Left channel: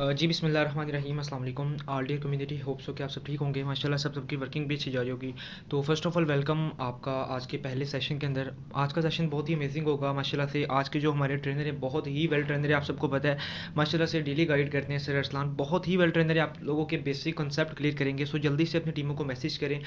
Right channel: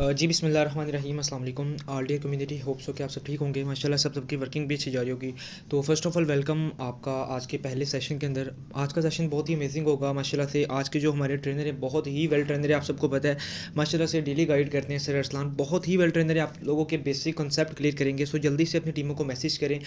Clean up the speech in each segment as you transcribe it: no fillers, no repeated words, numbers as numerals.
जी बिस्मिल्लाहिर्रहमानिर्रहीम अस्सलाम वालेकुम डियर कम्युनिटी होप सो कि आप सब ठीक होंगे माशाल्लाह सबकी वर्किंग भी अच्छी जा रही होगी। तो फर्स्ट ऑफ ऑल वेलकम आपका आज के पहले सेशन के अंदर। आज का सेशन बहुत ही अमेजिंग होगा माशाल्लाह से। आज के जो हमारे ट्रेनर है बहुत ही वेल ट्रेनर है, आप सबको पता है माशाल्लाह से डेली गाइड करते हैं सर अरसलान, बहुत ही वेल ट्रेनर है, आप लोगों के बेसिक कॉन्सेप्ट क्लियर करेंगे। सो जल्दी से अपनी टीमों को मैसेज करें,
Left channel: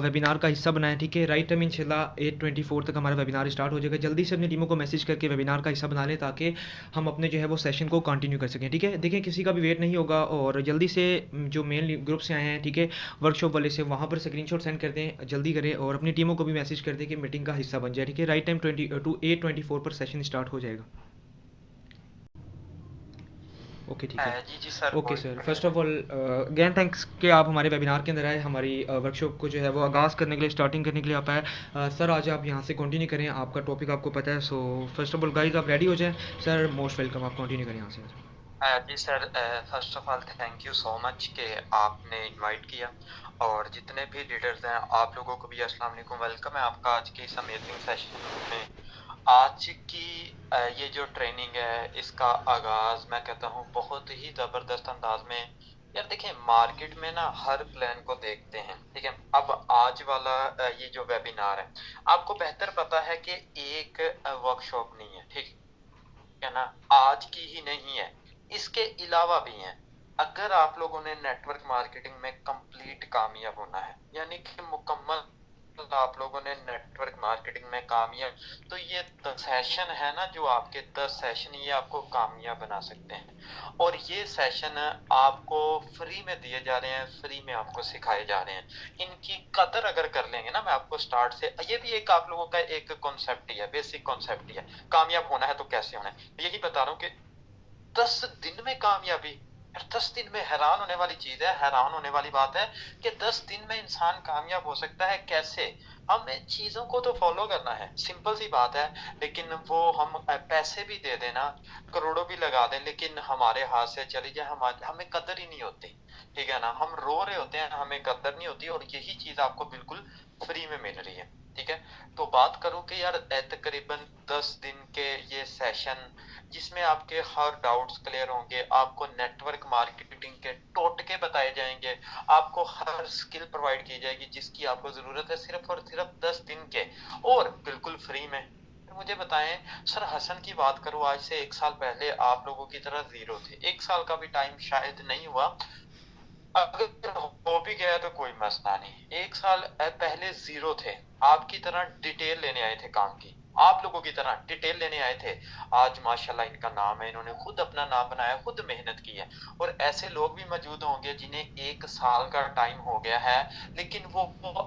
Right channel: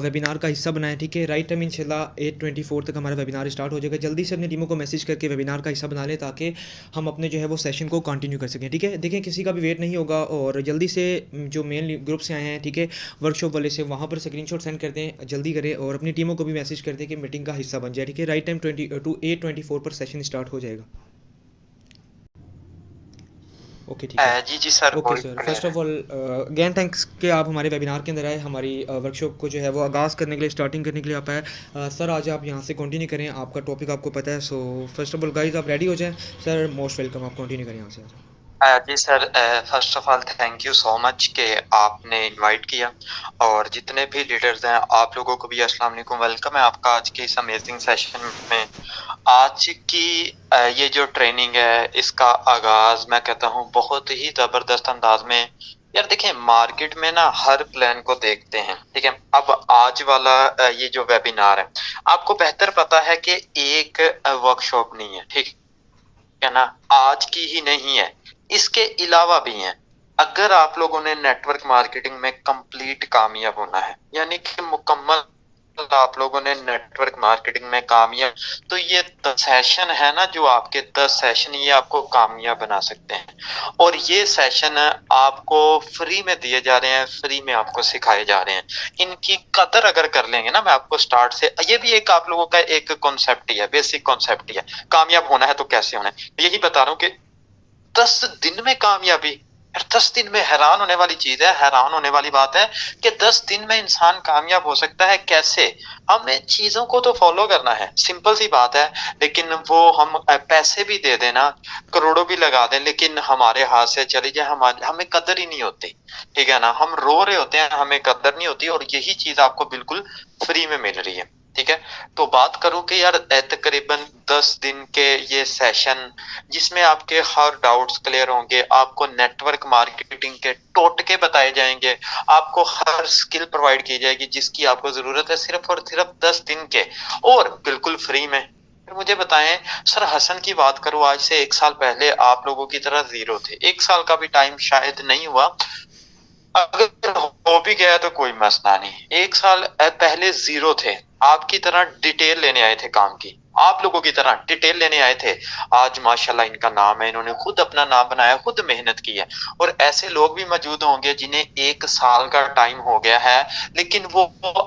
वेबिनार का हिस्सा बनाएं, ठीक है। राइट टाइम इंशाल्लाह 8:24 तक हमारा वेबिनार स्टार्ट हो जाएगा। जल्दी से अपनी टीमों को मैसेज करके वेबिनार का हिस्सा बना लें ताकि हम अपने जो है वो सेशन को कंटिन्यू कर सकें, ठीक है। देखिए किसी का भी वेट नहीं होगा और जल्दी से जो मेन ग्रुप से आए हैं, ठीक है, वर्कशॉप वाले से, वहाँ पर स्क्रीनशॉट सेंड कर दें, जल्दी करें और अपनी टीमों को भी मैसेज कर दें कि मीटिंग का हिस्सा बन जाए, ठीक है। राइट टाइम 8:24 पर सेशन स्टार्ट हो जाएगा। ओके ठीक है। जी, जी sir, okay all sir, clear first है। ऑफ ऑल अगेन थैंक्स कि आप हमारे वेबिनार के अंदर आए, हमारी वर्कशॉप को जो है वो आगाज़ करने के लिए, स्टार्टिंग करने के लिए आप आए। सर आज आप यहाँ से कंटिन्यू करें, आपका टॉपिक आपको पता है। So first of all guys आप रेडी हो जाएं। सर मोस्ट वेलकम, आप कंटिन्यू करें यहाँ से। जी sir, first of all thank you so much कि आपने इनवाइट किया और जितने भी लीडर्स हैं आप लोगों को भी अस्सलाम वालेकुम, वेलकम है आपका आज के इस अमेजिंग सेशन में। आज की ये जो ट्रेनिंग है इसका आगाज मैं कहता हूँ बहुत ही जबरदस्त अंदाज में। यार देखिए मार्केट में ना हर प्लान को देखते हैं, ठीक है। अब आज वाला ये जो वेबिनार है आपको बेहतर पता है कि एक वर्कशॉप नहीं है, ठीक है ना, आज की ही नहीं है, इसके अलावा भी हैं। अगर आप लोगों ने नेटवर्क मार्केटिंग में कंप्लीट कामयाब होना है, यानी कि मुकम्मल आप लोगों ने नेटवर्क मार्केटिंग में कामयाब, तो ये 10 सेशन है ना, जो आपके 10 सेशन ये आपको कामयाब बना सकते हैं। और ये सेशन आपको फ्री में दिए जा रहे हैं, फ्री में आपको सिखाए जा रहे हैं। इनकी कदर अगर कर लेंगे ना, मैं आपको स्टार्ट से, ये भी एक आप लोगों का एक कॉन्सेप्ट ही है, बेसिक कॉन्सेप्ट ही है। कामयाब होना है तो कैसे होना है, यही बता रहा हूँ कि 10 दिन में कामयाबी। यार 10 दिन में हैरान होने वाली चीज है, हैरान होने वाली बात है कि 10 दिन में इंसान कामयाब हो सकता है कैसे। हमें चीजों को तो फॉलो करना है, सिंपल सी बात है। लेकिन वो हम पैसे भी दे देना, करोड़ों भी लगा दें, लेकिन हमारे हाथ से चली जाए, हमारे हमें कदर ही नहीं होती, ठीक है ना। हम रो रहे होते हैं, हमें कदर नहीं होती, और यही चीज आपको बिल्कुल फ्री में मिल रही है, ठीक है। तो बात करूं कि यार तकरीबन 10 दिन के ये सेशन, जिसमें आपके हर डाउट्स क्लियर होंगे, आपको नेटवर्क मार्केटिंग के टोटके बताए जाएंगे, आपको हर स्किल प्रोवाइड की जाएगी जिसकी आपको जरूरत है, सिर्फ और सिर्फ 10 दिन के, और बिल्कुल फ्री में। फिर मुझे बताएं सर, हसन की बात करूं, आज से 1 साल पहले आप लोगों की तरह जीरो थे, 1 साल का भी टाइम शायद नहीं हुआ, अगर हो भी गया तो कोई मसला नहीं। 1 साल पहले जीरो थे, आपकी तरह डिटेल लेने आए थे काम की, आप लोगों की तरह डिटेल लेने आए थे। आज माशाल्लाह इनका नाम है, इन्होंने खुद अपना नाम बनाया, खुद मेहनत की है। और ऐसे लोग भी मौजूद होंगे जिन्हें 1 साल का टाइम हो गया है, लेकिन वो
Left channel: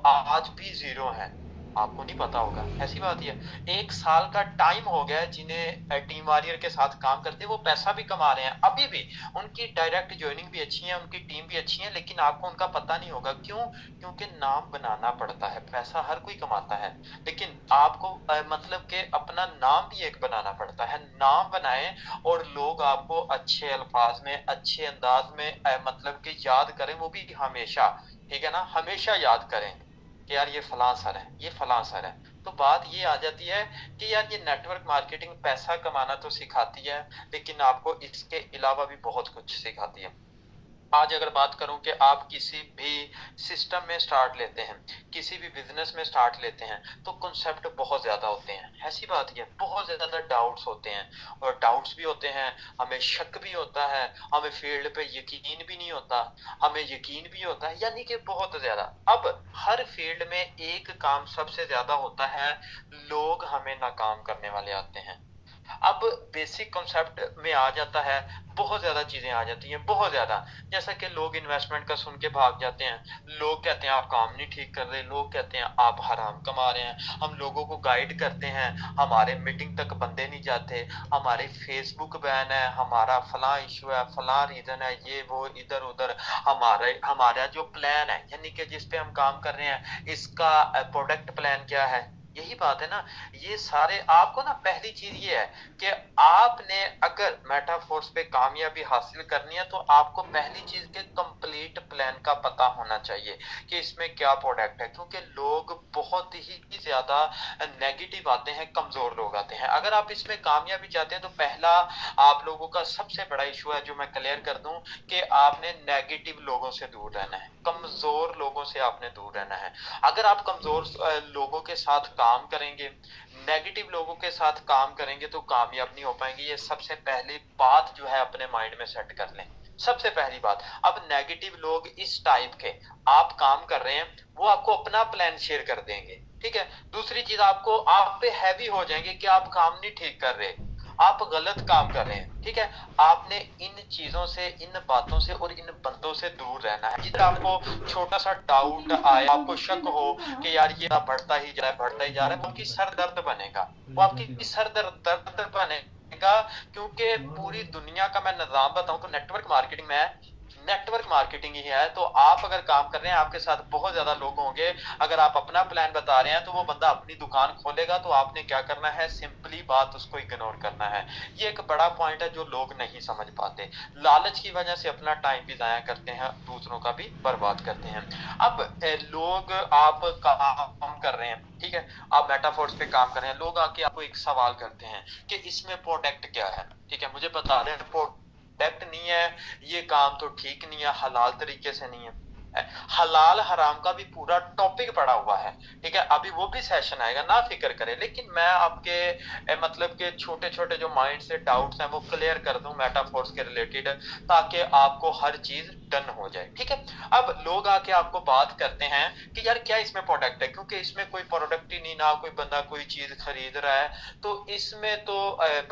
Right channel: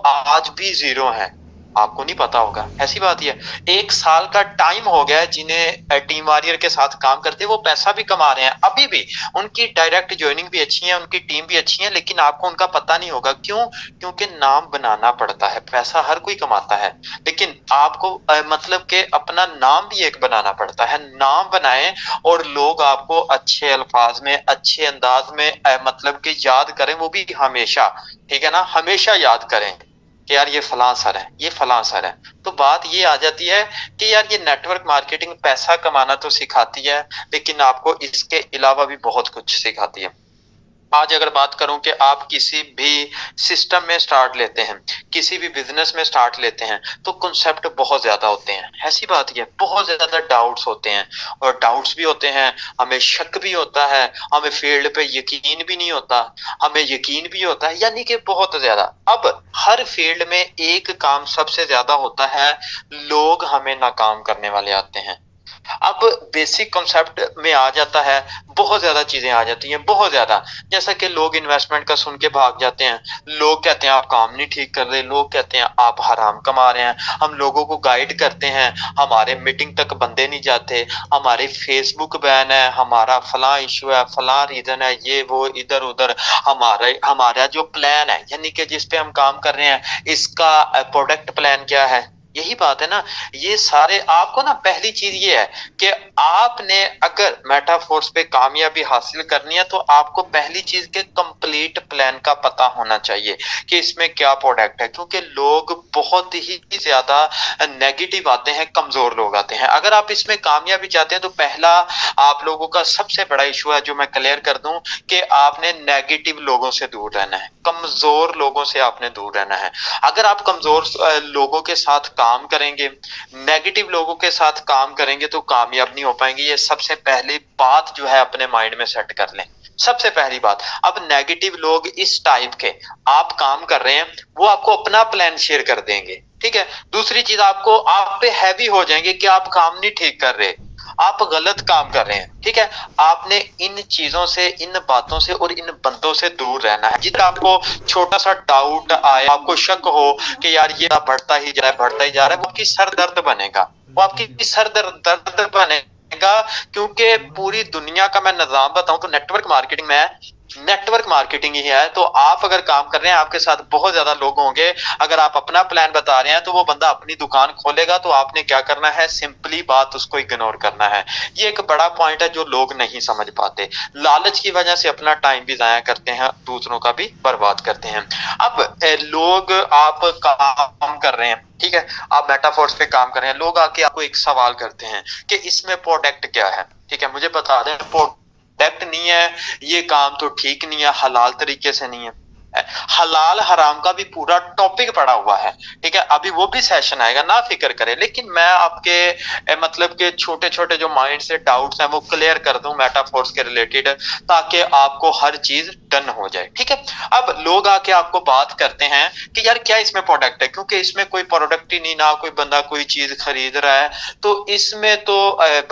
आज भी जीरो हैं, आपको नहीं पता होगा, ऐसी बात ही है। 1 साल का टाइम हो गया है जिन्हें टीम वॉरियर के साथ काम करते, वो पैसा भी कमा रहे हैं अभी भी, उनकी डायरेक्ट ज्वाइनिंग भी अच्छी है, उनकी टीम भी अच्छी है, लेकिन आपको उनका पता नहीं होगा। क्यों? क्योंकि नाम बनाना पड़ता है, पैसा हर कोई कमाता है, लेकिन आपको मतलब कि अपना नाम भी एक बनाना पड़ता है। नाम बनाएं और लोग आपको अच्छे अल्फाज में, अच्छे अंदाज में मतलब कि याद करें, वो भी हमेशा, ठीक है ना, हमेशा याद करें कि यार ये फलां सर है, ये फलां सर है। तो बात ये आ जाती है कि यार ये नेटवर्क मार्केटिंग पैसा कमाना तो सिखाती है, लेकिन आपको इसके अलावा भी बहुत कुछ सिखाती है। आज अगर बात करूं कि आप किसी भी सिस्टम में स्टार्ट लेते हैं, किसी भी बिजनेस में स्टार्ट लेते हैं, तो कॉन्सेप्ट बहुत ज्यादा होते हैं, ऐसी बात ही है, बहुत ज्यादा डाउट्स होते हैं। और डाउट्स भी होते हैं, हमें शक भी होता है, हमें फील्ड पे यकीन भी नहीं होता, हमें यकीन भी होता है, यानी कि बहुत ज्यादा। अब हर फील्ड में एक काम सबसे ज्यादा होता है, लोग हमें नाकाम करने वाले आते हैं। अब बेसिक कॉन्सेप्ट में आ जाता है, बहुत ज्यादा चीजें आ जाती हैं, बहुत ज्यादा। जैसा कि लोग इन्वेस्टमेंट का सुन के भाग जाते हैं, लोग कहते हैं आप काम नहीं ठीक कर रहे, लोग कहते हैं आप हराम कमा रहे हैं, हम लोगों को गाइड करते हैं, हमारे मीटिंग तक बंदे नहीं जाते, हमारे फेसबुक बैन है, हमारा फलां इशू है, फलां रीजन है, ये वो इधर उधर। हमारा जो प्लान है, यानी कि जिस पे हम काम कर रहे हैं, इसका प्रोडक्ट प्लान क्या है, यही बात है ना। ये सारे आपको ना पहली चीज ये है कि आपने अगर मेटाफोर्स पे कामयाबी हासिल करनी है तो आपको पहली चीज के कंप्लीट प्लान का पता होना चाहिए कि इसमें क्या प्रोडक्ट है, क्योंकि लोग बहुत ही ज्यादा नेगेटिव आते हैं, कमजोर लोग आते हैं। अगर आप इसमें कामयाबी चाहते हैं तो पहला आप लोगों का सबसे बड़ा इशू है जो मैं क्लियर कर दूं कि आपने नेगेटिव लोगों से दूर रहना है, कमजोर लोगों से आपने दूर रहना है। अगर आप कमजोर लोगों के साथ काम करेंगे, नेगेटिव लोगों के साथ काम करेंगे तो कामयाब नहीं हो पाएंगे। ये सबसे पहली बात जो है अपने माइंड में सेट कर लें। सबसे पहली बात, अब नेगेटिव लोग इस टाइप के आप काम कर रहे हैं वो आपको अपना प्लान शेयर कर देंगे, ठीक है। दूसरी चीज, आपको आप पे हैवी हो जाएंगे कि आप काम नहीं ठीक कर रहे, आप गलत काम कर रहे हैं, ठीक है। आपने इन चीजों से, इन बातों से और इन बंदों से दूर रहना है। जितना आपको छोटा सा डाउट आए, आपको शक हो कि यार ये बढ़ता ही जा रहा है, बढ़ता ही जा रहा है, वो आपकी सर दर्द बनेगा, वो आपकी सर दर्द बनेगा। क्योंकि पूरी दुनिया का मैं निजाम बताऊं तो नेटवर्क मार्केटिंग में नेटवर्क मार्केटिंग ही है। तो आप अगर काम कर रहे हैं, आपके साथ बहुत ज्यादा लोग होंगे। अगर आप अपना प्लान बता रहे हैं तो वो बंदा अपनी दुकान खोलेगा, तो आपने क्या करना है, सिंपली बात उसको इग्नोर करना है। ये एक बड़ा पॉइंट है जो लोग नहीं समझ पाते। लालच की वजह से अपना टाइम भी जाया करते हैं, दूसरों का भी बर्बाद करते हैं। अब लोग, आप काम कर रहे हैं, ठीक है, आप मेटाफोर्स पे काम कर रहे हैं, लोग आके आपको एक सवाल करते हैं कि इसमें प्रोडक्ट क्या है, ठीक है, मुझे बता दें। प्रोडक्ट नहीं है, ये काम तो ठीक नहीं है, हलाल तरीके से नहीं है। हलाल हराम का भी पूरा टॉपिक पड़ा हुआ है, ठीक है, अभी वो भी सेशन आएगा, ना फिक्र करें। लेकिन मैं आपके मतलब के छोटे छोटे जो माइंड से डाउट्स हैं वो क्लियर कर दूं मेटाफोर्स के रिलेटेड, ताकि आपको हर चीज डन हो जाए, ठीक है। अब लोग आके आपको बात करते हैं कि यार क्या इसमें प्रोडक्ट है, क्योंकि इसमें कोई प्रोडक्ट ही नहीं, ना कोई बंदा कोई चीज खरीद रहा है, तो इसमें तो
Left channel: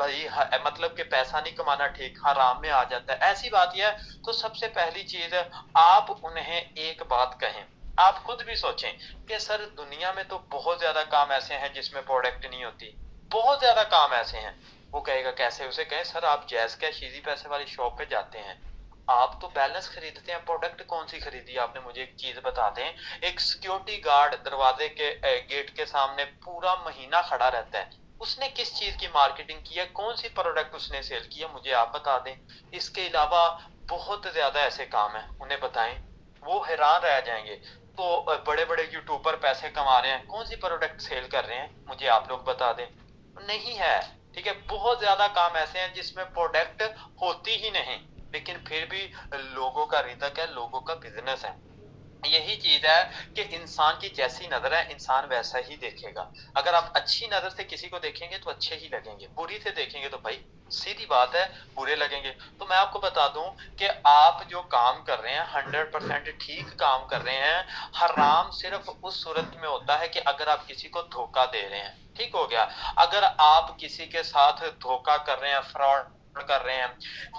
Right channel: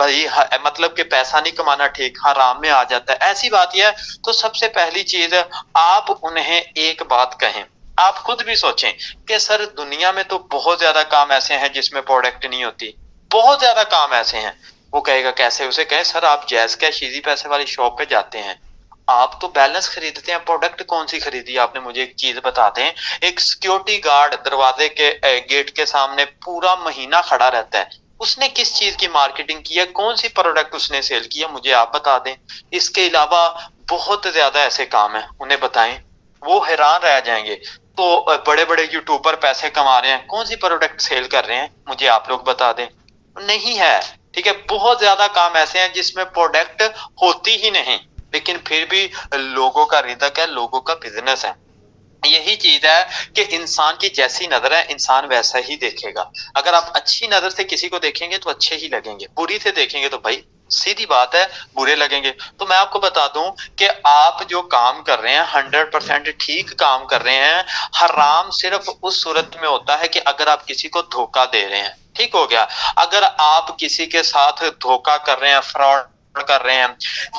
भाई मतलब कि पैसा नहीं कमाना ठीक, हराम में आ जाता है, ऐसी बात यह है। तो सबसे पहली चीज, आप उन्हें एक बात कहें, आप खुद भी सोचें कि सर दुनिया में तो बहुत ज्यादा काम ऐसे हैं जिसमें प्रोडक्ट नहीं होती, बहुत ज्यादा काम ऐसे हैं। वो कहेगा कैसे, उसे कहें सर आप जैज कैश इजी पैसे वाली शॉप पे जाते हैं, आप तो बैलेंस खरीदते हैं, प्रोडक्ट कौन सी खरीदी आपने, मुझे एक चीज बता दें। एक सिक्योरिटी गार्ड दरवाजे के गेट के सामने पूरा महीना खड़ा रहता है, उसने किस चीज की मार्केटिंग की है, कौन सी प्रोडक्ट उसने सेल किया, मुझे आप बता दें। इसके अलावा बहुत ज्यादा ऐसे काम है, उन्हें बताएं, वो हैरान रह जाएंगे। तो बड़े बड़े यूट्यूबर पैसे कमा रहे हैं, कौन सी प्रोडक्ट सेल कर रहे हैं, मुझे आप लोग बता दें। नहीं है, ठीक है। बहुत ज्यादा काम ऐसे हैं जिसमें प्रोडक्ट होती ही नहीं, लेकिन फिर भी लोगों का रिदक है, लोगों का बिजनेस है। यही चीज है कि इंसान की जैसी नजर है इंसान वैसा ही देखेगा। अगर आप अच्छी नजर से किसी को देखेंगे तो अच्छे ही लगेंगे, बुरी से देखेंगे तो भाई सीधी बात है बुरे लगेंगे। तो मैं आपको बता दूं कि आप जो काम कर रहे हैं 100% ठीक काम कर रहे हैं। हराम सिर्फ उस सूरत में होता है कि अगर आप किसी को धोखा दे रहे हैं, ठीक हो गया। अगर आप किसी के साथ धोखा कर रहे हैं, फ्रॉड कर रहे हैं,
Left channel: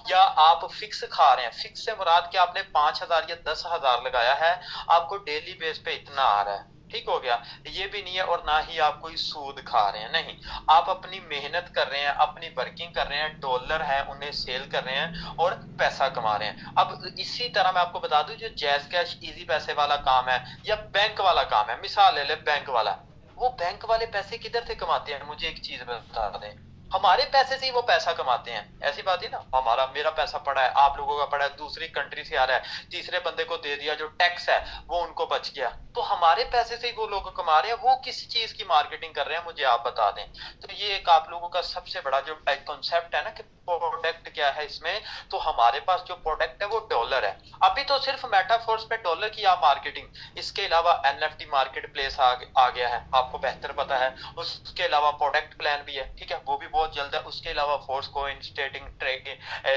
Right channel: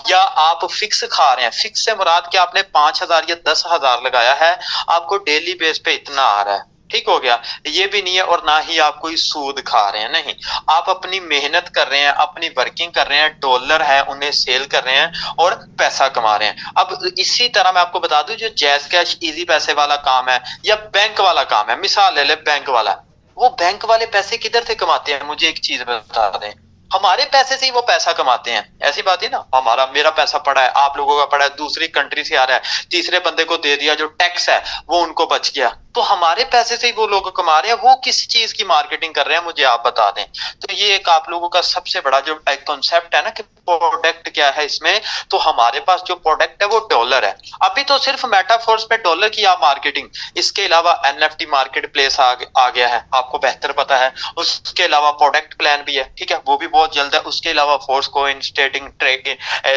या आप फिक्स खा रहे हैं, फिक्स से मुराद कि आपने 5,000 या 10,000 लगाया है, आपको डेली बेस पे इतना आ रहा है, ठीक हो गया। ये भी नहीं है, और ना ही आप कोई सूद खा रहे हैं, नहीं, आप अपनी मेहनत कर रहे हैं, अपनी वर्किंग कर रहे हैं, डॉलर है उन्हें सेल कर रहे हैं और पैसा कमा रहे हैं। अब इसी तरह मैं आपको बता दूं, जो जैज कैश इजी पैसे वाला काम है या बैंक वाला काम है, मिसाल ले ले बैंक वाला, वो बैंक वाले पैसे किधर से कमाते हैं, मुझे एक चीज बता दें। हमारे पैसे से ही वो पैसा कमाते हैं, ऐसी बात है ना। हमारा, मेरा पैसा पड़ा है, आप लोगों का पड़ा है, दूसरी कंट्री से आ रहा है, तीसरे बंदे को दे दिया, जो टैक्स है वो उनको बच गया, तो हमारे पैसे से ही वो लोग कमा रहे हैं। वो किस चीज की मार्केटिंग कर रहे हैं, मुझे आप बता दें। तो ये एक आप लोगों का सबसे बड़ा जो कॉन्सेप्ट है ना कि प्रोडक्ट क्या है इसमें, तो हमारे पास जो प्रोडक्ट है वो डॉलर है। अभी तो सिर्फ मेटाफोर्स पे डॉलर की आप मार्केटिंग, इसके अलावा एनएफटी मार्केट प्लेस आ गया है, आपको बेहतर पता है। उसके अलावा प्रोडक्ट प्लान भी है, ठीक है, वो भी बहुत जल्द है। उसके अलावा फोर्स कोइन स्टेटिंग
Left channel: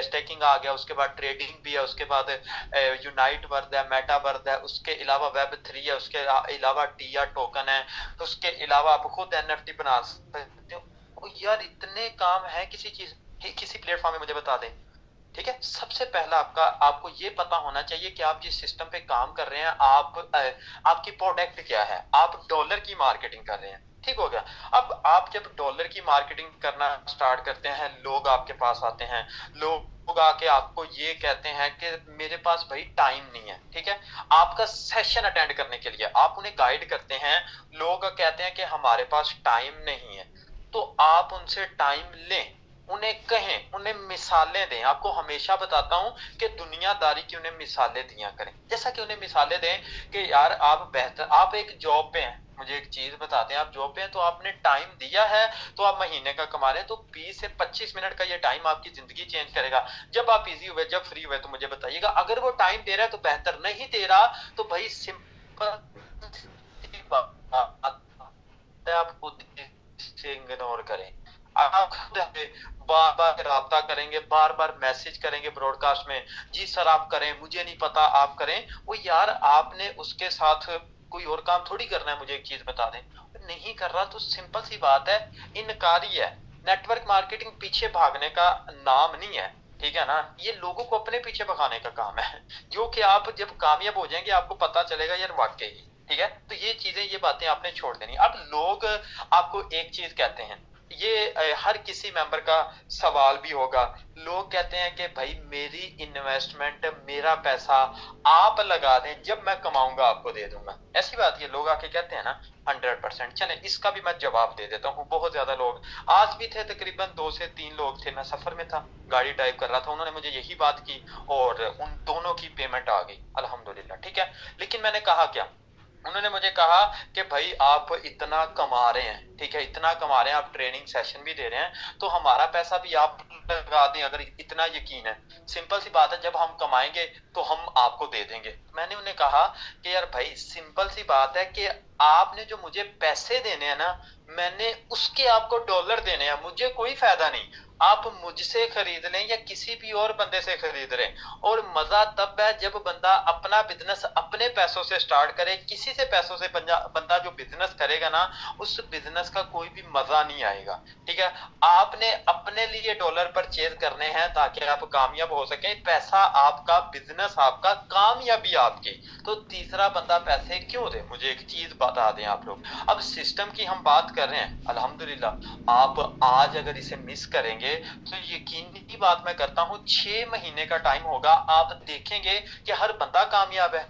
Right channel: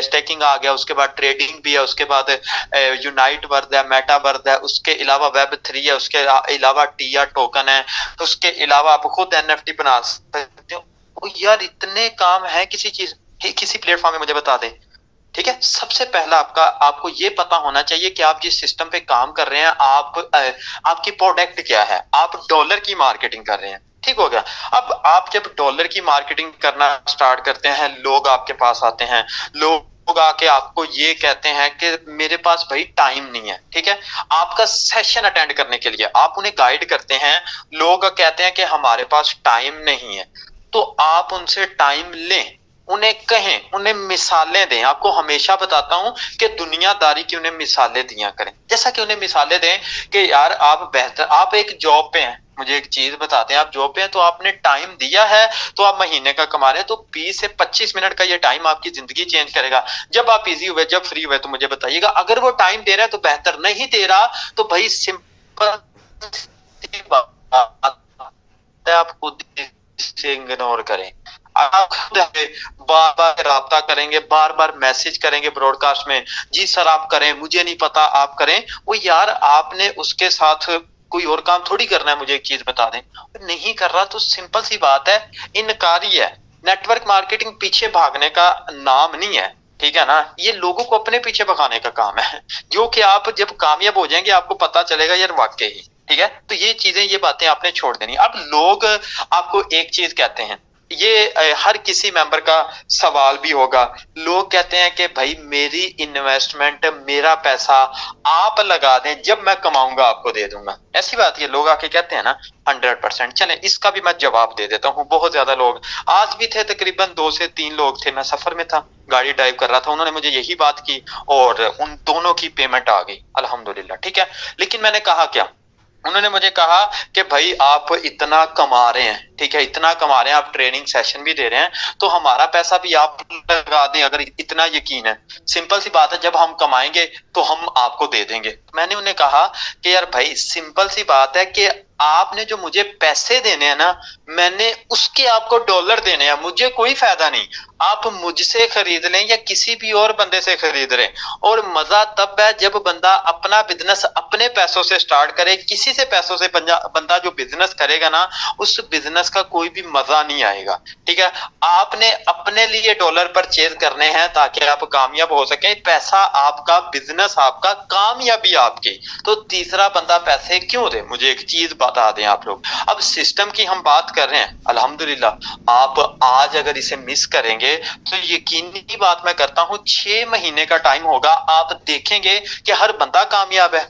स्टेकिंग आ गया, उसके बाद ट्रेडिंग भी है, उसके बाद यूनाइट वर्द है, मेटा वर्द है, उसके अलावा वेब 3 है, उसके अलावा टिया टोकन है, उसके अलावा आप खुद एनएफटी बना सकते हो। यार इतने काम है किसी चीज, किसी प्लेटफॉर्म में, मुझे बता दें, ठीक है। सबसे पहला आपको ये पता होना चाहिए कि आप जिस सिस्टम पे काम कर रहे हैं, आपकी प्रोडक्ट क्या है, आप डॉलर की मार्केटिंग कर रहे हैं, ठीक हो गया। अब आप जब डॉलर की मार्केटिंग करना स्टार्ट करते हैं, लोग आपके पास आते हैं, लोग लोग आके आपको ये कहते हैं कि मेरे पास भाई टाइम नहीं है, ठीक है? आपका सेशन अटेंड करने के लिए आप उन्हें गाइड करते हैं, लोग कहते हैं कि हमारे पास टाइम नहीं है, तो आप उनसे टाइम लें, उन्हें कहें, उन्हें मिसालें दें। आपको हमेशा बताता हूँ कि दुनियादारी की उन्हें मिसालें दिया करें। जैसा कि उन्हें मिसालें दें कि यार आप एक जॉब पे हैं, मुझे एक चीज़ बताते हैं, आप जॉब पे हैं तो आपने टाइम दिया है, तो आप महीने का कमा रहे हैं, तो 20 से 25 मिनट का ये टाइम आपकी ज़िंदगी चेंज करेगा। जब आप बिज़ी हुए, जब फ्री हुए तो मुझे बताइएगा। अगर वो टाइम दे रहा है तो बेहतर, नहीं दे रहा तो भाई सिंपल सी बात है, आप खुद इसे इग्नोर करें। आप खुद बार-बार राब्ता करेंगे, बार-बार मैसेज करेंगे ब्रॉडकास्ट में, जी सर आप करें, मुझे नहीं पता आप करें। वो यार आपने उसके साथ कोई और काम थोड़ी करना है, मुझे एक चीज़ बता दें। नहीं कर रहा तो सिंपल सी बात है, इनकारी है। नेटवर्क मार्केटिंग पीछे भागने का नाम नहीं है, ठीक है ना? ये लोगों को अपने पीछे भगाने का काम है, जो कि आप जब कामयाब हो जाएँगे आपको पता चलेगा यार वाक़ई, ठीक है? तो ये चीज़ें, ये बातें आपने छोड़ देनी। अब लोग आपको एक चीज़ कहते हैं, ये हर किसी मेंबर का सवाल भी होगा। लोग कहते हैं कि भाई मेरी इन्वेस्टमेंट, मेरा पैसा आप लगा दें, जब मैं कमाऊँगा आपको दे दूँगा। ऐसी बात ये लोग आके कहते हैं ना, 100%। चलें इसका भी मैं जवाब दे देता हूँ। बहुत ज़्यादा लोग आज भी थे, तकरीबन 2 से 3 लोग थे, मैं सफ़र में था, गाड़ी ड्राइव कर रहा था, उन्होंने मुझे यही बात की और उन दोनों की पेमेंट आ गई, अल्हम्दुलिल्लाह, ठीक है? लेकिन मैंने कहा क्या? उन्होंने मुझे कहा कि भाई आप इतना कमा रहे हैं, ठीक है? इतना कमा रहे हैं, आप ट्रेनिंग सेशन भी दे रहे हैं, तो हमारा पैसा भी आप लगा दें, अगर इतना यकीन है। सिंपल सी बात है, जब हम कमाएँगे तो हम आपको दे देंगे। मैंने उन्हें कहा कि यार भाई सिंपल सी बात है कि आपने जो मुझे पैसे देने हैं ना, मैंने उसके आपको डॉलर देने हैं, मुझे कोई फ़ायदा नहीं। आप मुझसे खरीद लें या किसी भी और बंदे से खरीद लें, और मज़ा तब है जब बंदा अपना बिज़नेस अपने पैसों से स्टार्ट करे। किसी से पैसों से बंदा जो बिज़नेस करेगा ना, उस बिज़नेस का कोई भी मज़ा नहीं आएगा, ठीक है? आपने अपने लिए डॉलर परचेज़ करने हैं ताकि आप कामयाब हो सकें। पैसा आपका, बिज़नेस आपका, कामयाबी आपकी। तो तीसरा बंदा पैसे क्यों दे? मुझे एक चीज़ बता दें आप लोग। अब सिस्टम की हम बात कर रहे हैं, अल्हम्दुलिल्लाह आप आज अगर इसे मिस करेंगे तो यकीनी बात मैं करता हूँ 6 महीने का टाइम होगा, आप देखेंगे कि हर बंदा कामयाब है।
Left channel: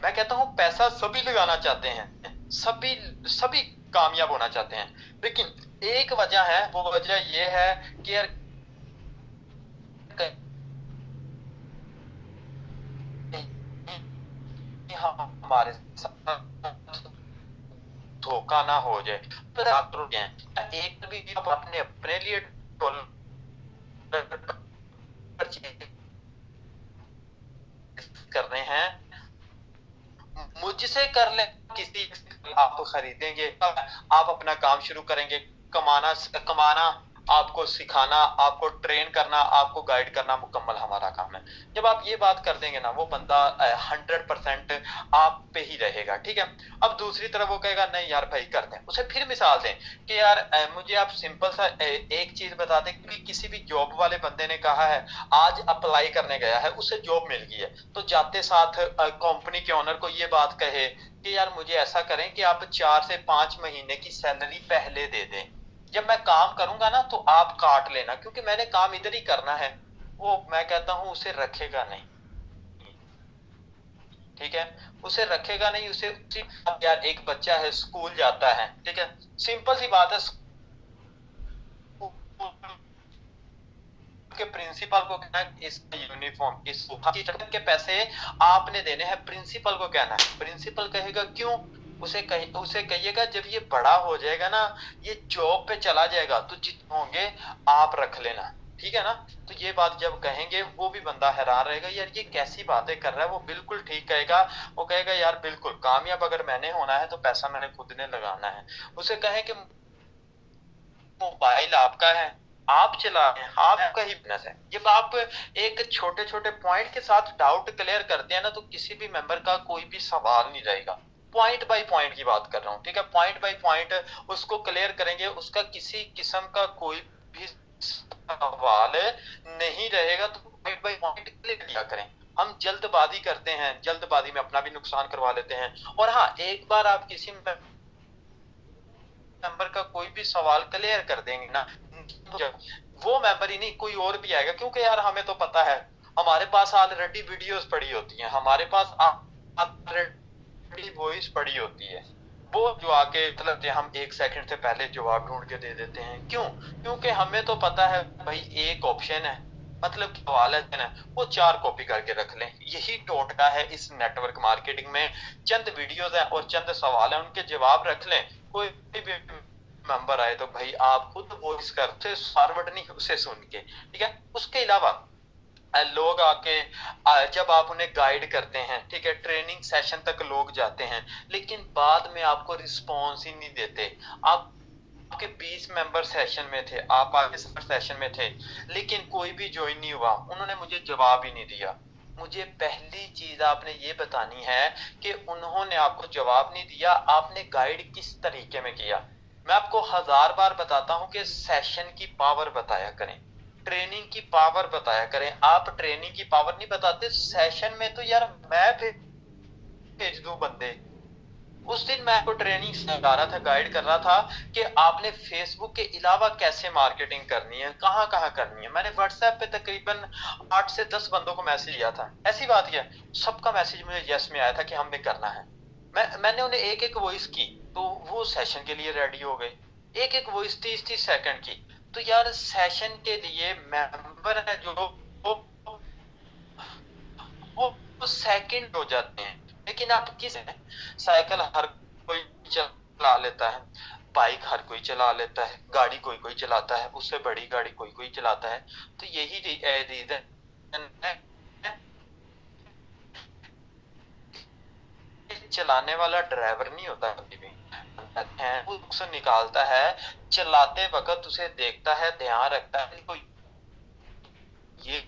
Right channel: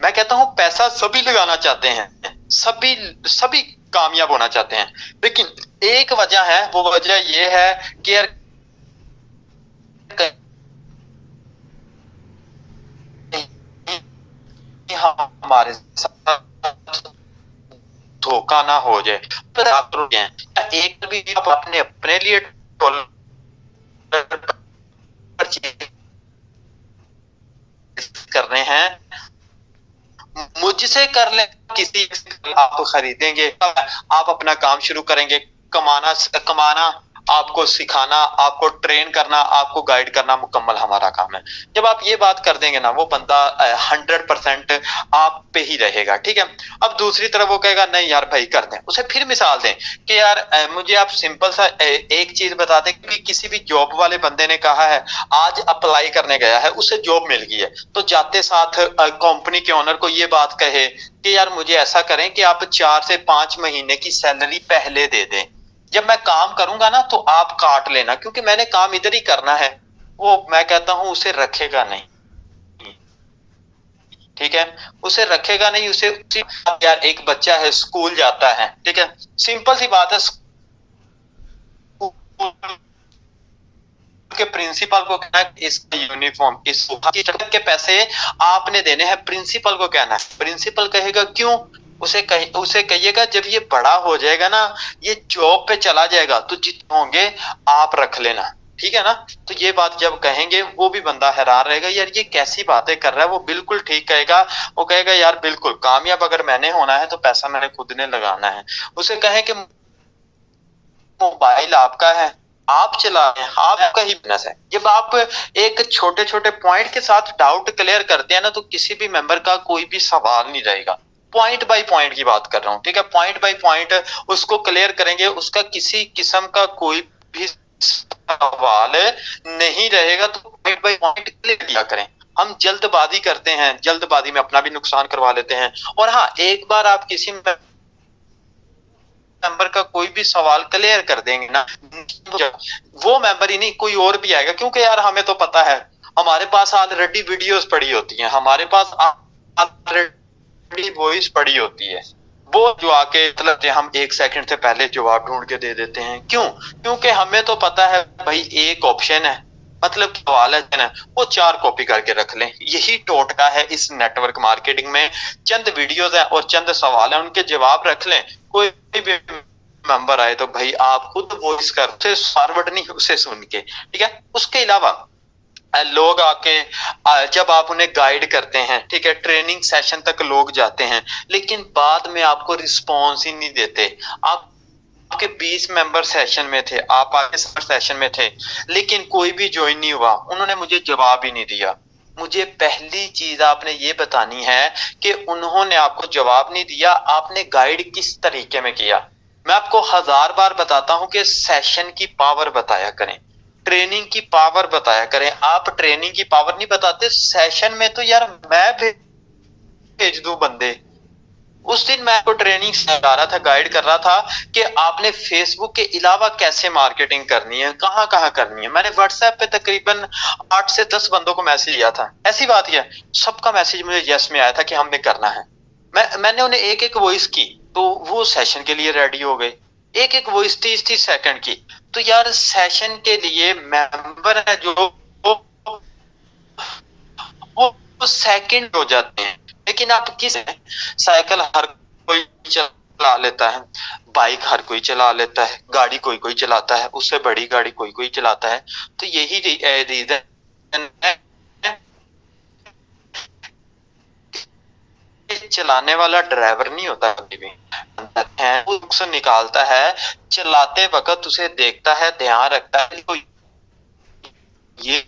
मैं कहता हूँ पैसा सभी लगाना चाहते हैं, सभी सभी कामयाब होना चाहते हैं। लेकिन एक वजह है, वो वजह ये है कि यार कहीं हमारे साथ धोखा ना हो जाए। पर आप तो हैं, एक भी आप अपने अपने लिए डॉलर परचेज़ कर रहे हैं, मुझसे कर लें, किसी से आप खरीदेंगे, आप अपना काम शुरू करेंगे, कमाना, आपको सिखाना, आपको ट्रेन करना, आपको गाइड करना मुकम्मल हमारा काम है। जब आप ये बात कर देंगे ना, वो बंदा 100% आप पे ही रहेगा, ठीक है? अब दूसरी तरफ वो कहेगा नहीं यार भाई कर दें। उसे फिर मिसाल दें कि यार मुझे आप सिंपल सा एक चीज़ बता दें कि किसी भी जॉब वाले बंदे ने कहा है, आज अप्लाई करने गया है, उसे जॉब मिल गई है, तो जाते साथ कंपनी के ओनर को ये बात कहे कि यार मुझे ऐसा करें कि आप 4 से 5 महीने की सैलरी पहले दे दें। जब मैं काम करूँगा ना तो आप काट लेना, क्योंकि मैंने काम इधर ही करना है। वो मैं कहता हूँ उसे रखेगा नहीं, ठीक है? उसे रखेगा नहीं, उसे यार एक बच्चा है स्कूल जाता है, ठीक है? सिंपल सी बात है, स्कूल के प्रिंसिपल को कहना है इसका यूनिफॉर्म, इस की के पैसे आपने देने हैं, प्रिंसिपल को कहना है। प्रिंसिपल कहेगा क्यों? उसे कहिएगा जब ये बड़ा हो जाएगा ना, ये जॉब पे चला जाएगा तो जितने होंगे आप रख लेना, ठीक है ना? तो ये बात जब कहेंगे वो भी बंदा हैरान रहेगा, यार ये कैसी बातें कर रहा है। वो बिल्कुल ठीक कहेगा, वो कहेगा यार बिल्कुल कामयाब अगर मैंने होना है तो पैसा मैंने खुद ने लगाना है। उसे कहें कि मोबाइल आपका है, आप चला रहे हैं, आपका ही बिज़नेस है। जब आप एक छोटे-छोटे पॉइंट के साथ डाउट क्लियर करते हैं ना, तो किसी भी मेंबर का कोई भी सवाल नहीं रहेगा। पॉइंट बाय पॉइंट की बात कर रहा हूँ, ठीक है? पॉइंट बाय पॉइंट उसको क्लियर करेंगे, उसका किसी किस्म का कोई भी सवाल नहीं रहेगा, तो पॉइंट बाय पॉइंट क्लियर किया करें। हम जल्दबाज़ी करते हैं, जल्दबाज़ी में अपना भी नुकसान करवा लेते हैं। और हाँ, एक बार आप किसी मेंबर का कोई भी सवाल क्लियर कर देंगे ना, वो मेंबर ही नहीं कोई और भी आएगा, क्योंकि यार हमें तो पता है, हमारे पास ऑलरेडी वीडियोस पड़ी होती हैं, हमारे पास ऑलरेडी वॉइस पड़ी होती है। वो जो आके मतलब हम 1 सेकंड से पहले जवाब ढूंढ के दे देते हैं। क्यों? क्योंकि हमें तो पता है भाई एक ऑप्शन है, मतलब सवाल है ना, वो 4 कॉपी करके रख लें। यही टोटका है इस नेटवर्क मार्केटिंग में। चंद वीडियोस हैं और चंद सवाल हैं, उनके जवाब रख लें। कोई भी मेंबर आए तो भाई आप खुद वॉइस कर उसे फॉरवर्ड नहीं, उसे सुन के, ठीक है। उसके अलावा लोग आके जब आप उन्हें गाइड करते हैं, ठीक है, ट्रेनिंग सेशन तक लोग जाते हैं, लेकिन बाद में आपको रिस्पॉन्स ही नहीं देते। आप आपके 20 मेंबर सेशन में थे, आप आगे सेशन में थे, लेकिन कोई भी ज्वाइन नहीं हुआ, उन्होंने मुझे जवाब ही नहीं दिया। मुझे पहली चीज आपने ये बतानी है कि उन्होंने आपको जवाब नहीं दिया, आपने गाइड किस तरीके में किया। मैं आपको 1000 बार बताता हूं कि सेशन की पावर बताया करें, ट्रेनिंग की पावर बताया करें। आप ट्रेनिंग की पावर नहीं बताते सेशन में, तो यार मैं भेज दूं बंदे। उस दिन मैं आपको ट्रेनिंग सिखा रहा था, गाइड कर रहा था कि आपने फेसबुक के अलावा कैसे मार्केटिंग करनी है, कहाँ कहाँ करनी है। मैंने व्हाट्सएप पे तकरीबन 8 से 10 बंदों को मैसेज किया था, ऐसी बात है सबका मैसेज मुझे यस में आया था कि हमने करना है। मैंने उन्हें एक एक वॉइस की, तो वो सेशन के लिए रेडी हो गए। एक एक वॉइस 30-30 सेकंड की। तो यार सेशन के लिए मेंबर है जो वो सेकंड हो जाते हैं। लेकिन आप किस साइकिल हर कोई चला लेता है, बाइक हर कोई चला लेता है, गाड़ी कोई कोई चलाता है, उससे बड़ी गाड़ी कोई कोई चलाता है। तो यही रीजन है, चलाने वाला ड्राइवर नहीं होता कभी भी, है वो नुकसान निकालता है। चलाते वक्त उसे देखता है, ध्यान रखता है, तो ये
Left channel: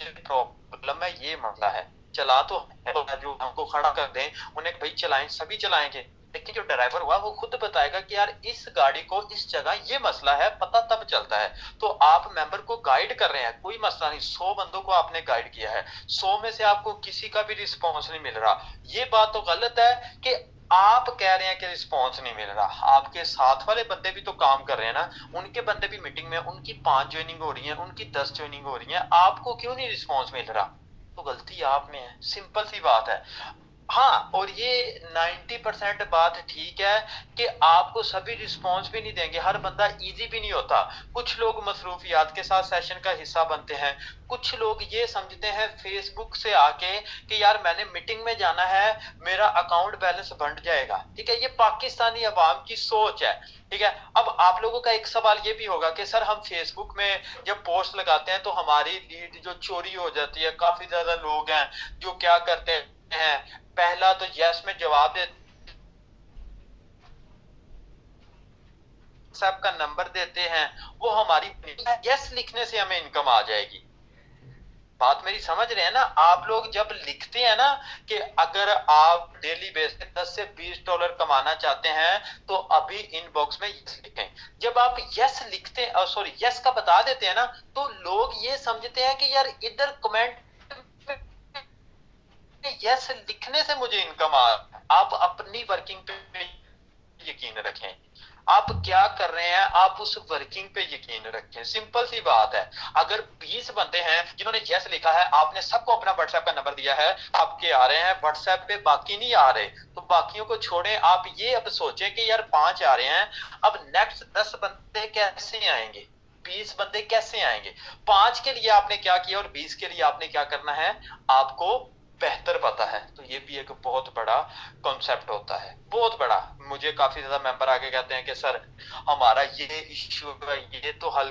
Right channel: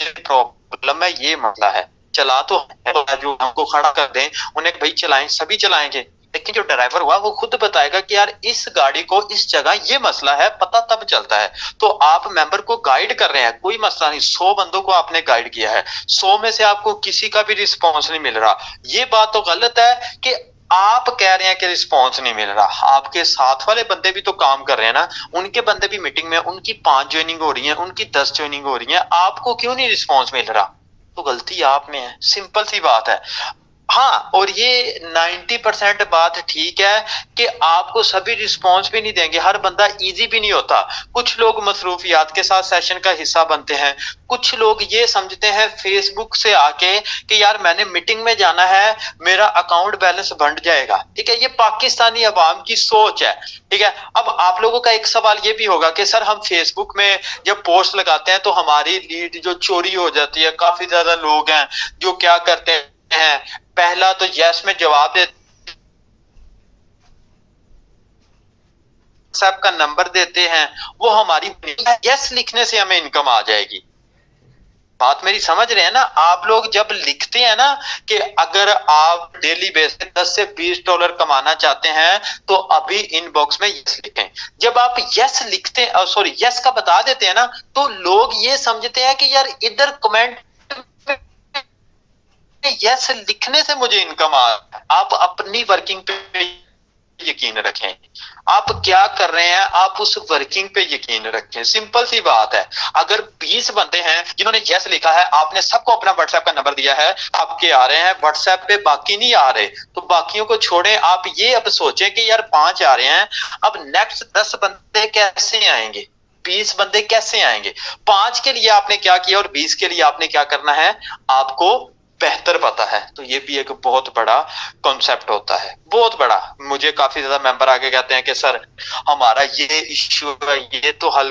प्रॉब्लम है, ये मसला है। चला तो है, जो हमको खड़ा कर दें उन्हें भाई चलाएं, सभी चलाएंगे, लेकिन जो ड्राइवर हुआ वो खुद बताएगा कि यार इस गाड़ी को इस जगह ये मसला है, पता तब चलता है। तो आप मेंबर को गाइड कर रहे हैं, कोई मसला नहीं, 100 बंदों को आपने गाइड किया है, 100 में से आपको किसी का भी रिस्पॉन्स नहीं मिल रहा। ये बात तो गलत है कि आप कह रहे हैं कि रिस्पॉन्स नहीं मिल रहा, आपके साथ वाले बंदे भी तो काम कर रहे हैं ना, उनके बंदे भी मीटिंग में, उनकी 5 ज्वाइनिंग हो रही है, उनकी 10 ज्वाइनिंग हो रही है, आपको क्यों नहीं रिस्पॉन्स मिल रहा? तो गलती आप में है, सिंपल सी बात है। हाँ, और ये 90% बात ठीक है कि आपको सभी रिस्पॉन्स भी नहीं देंगे, हर बंदा इजी भी नहीं होता। कुछ लोग मसरूफियात के साथ सेशन का हिस्सा बनते हैं, कुछ लोग ये समझते हैं फेसबुक से आके कि यार मैंने मीटिंग में जाना है, मेरा अकाउंट बैलेंस बढ़ जाएगा, ठीक है। ये पाकिस्तानी अवाम की सोच है, ठीक है। अब आप लोगों का एक सवाल ये भी होगा कि सर हम फेसबुक में जब पोस्ट लगाते हैं तो हमारी लीड जो चोरी हो जाती है, काफी ज्यादा लोग हैं जो क्या करते हैं, पहला तो यस में जवाब दे, व्हाट्सएप का नंबर देते हैं, वो हमारी यस लिखने से हमें इनकम आ जाएगी। बात मेरी समझ रहे हैं ना आप लोग? जब लिखते हैं ना कि अगर आप डेली बेसिस 10 से $20 कमाना चाहते हैं तो अभी इनबॉक्स में यस लिखें। जब आप यस लिखते हैं, सॉरी यस का बता देते हैं ना, तो लोग ये समझते हैं कि यार इधर कमेंट यस लिखने से मुझे इनकम आ। आप अपनी वर्किंग पे यकीन रखें, आप क्या कर रहे हैं, आप उस वर्किंग पे यकीन रखें, सिंपल सी बात है। अगर 20 बंदे हैं जिन्होंने यस लिखा है, आपने सबको अपना व्हाट्सएप का नंबर दिया है, आपके आ रहे हैं व्हाट्सएप पे, बाकी नहीं आ रहे, तो बाकियों को छोड़ें। आप ये अब सोचें कि यार 5 आ रहे हैं, अब नेक्स्ट 10 बंदे कैसे आएंगे, 20 बंदे कैसे आएंगे? 5 के लिए आपने क्या किया और 20 के लिए आपने क्या करना है, आपको बेहतर पता है। तो ये भी एक बहुत बड़ा कॉन्सेप्ट होता है, बहुत बड़ा। मुझे काफी ज्यादा मेंबर आके कहते हैं कि सर हमारा ये इश्यू है, ये तो हल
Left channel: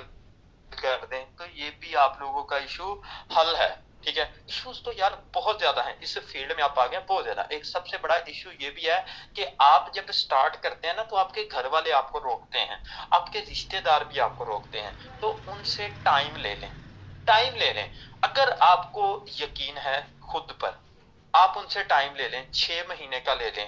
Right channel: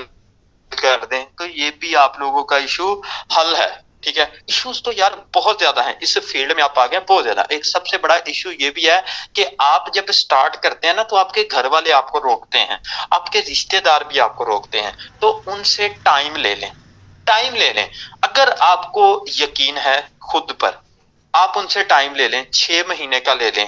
कर दें। तो ये भी आप लोगों का इशू हल है, ठीक है। इश्यूज तो यार बहुत ज्यादा हैं इस फील्ड में, आप आ गए बहुत ज्यादा। एक सबसे बड़ा इशू ये भी है कि आप जब स्टार्ट करते हैं ना, तो आपके घर वाले आपको रोकते हैं, आपके रिश्तेदार भी आपको रोकते हैं, तो उनसे टाइम ले लें, टाइम ले लें। अगर आपको यकीन है खुद पर, आप उनसे टाइम ले लें, 6 महीने का ले लें।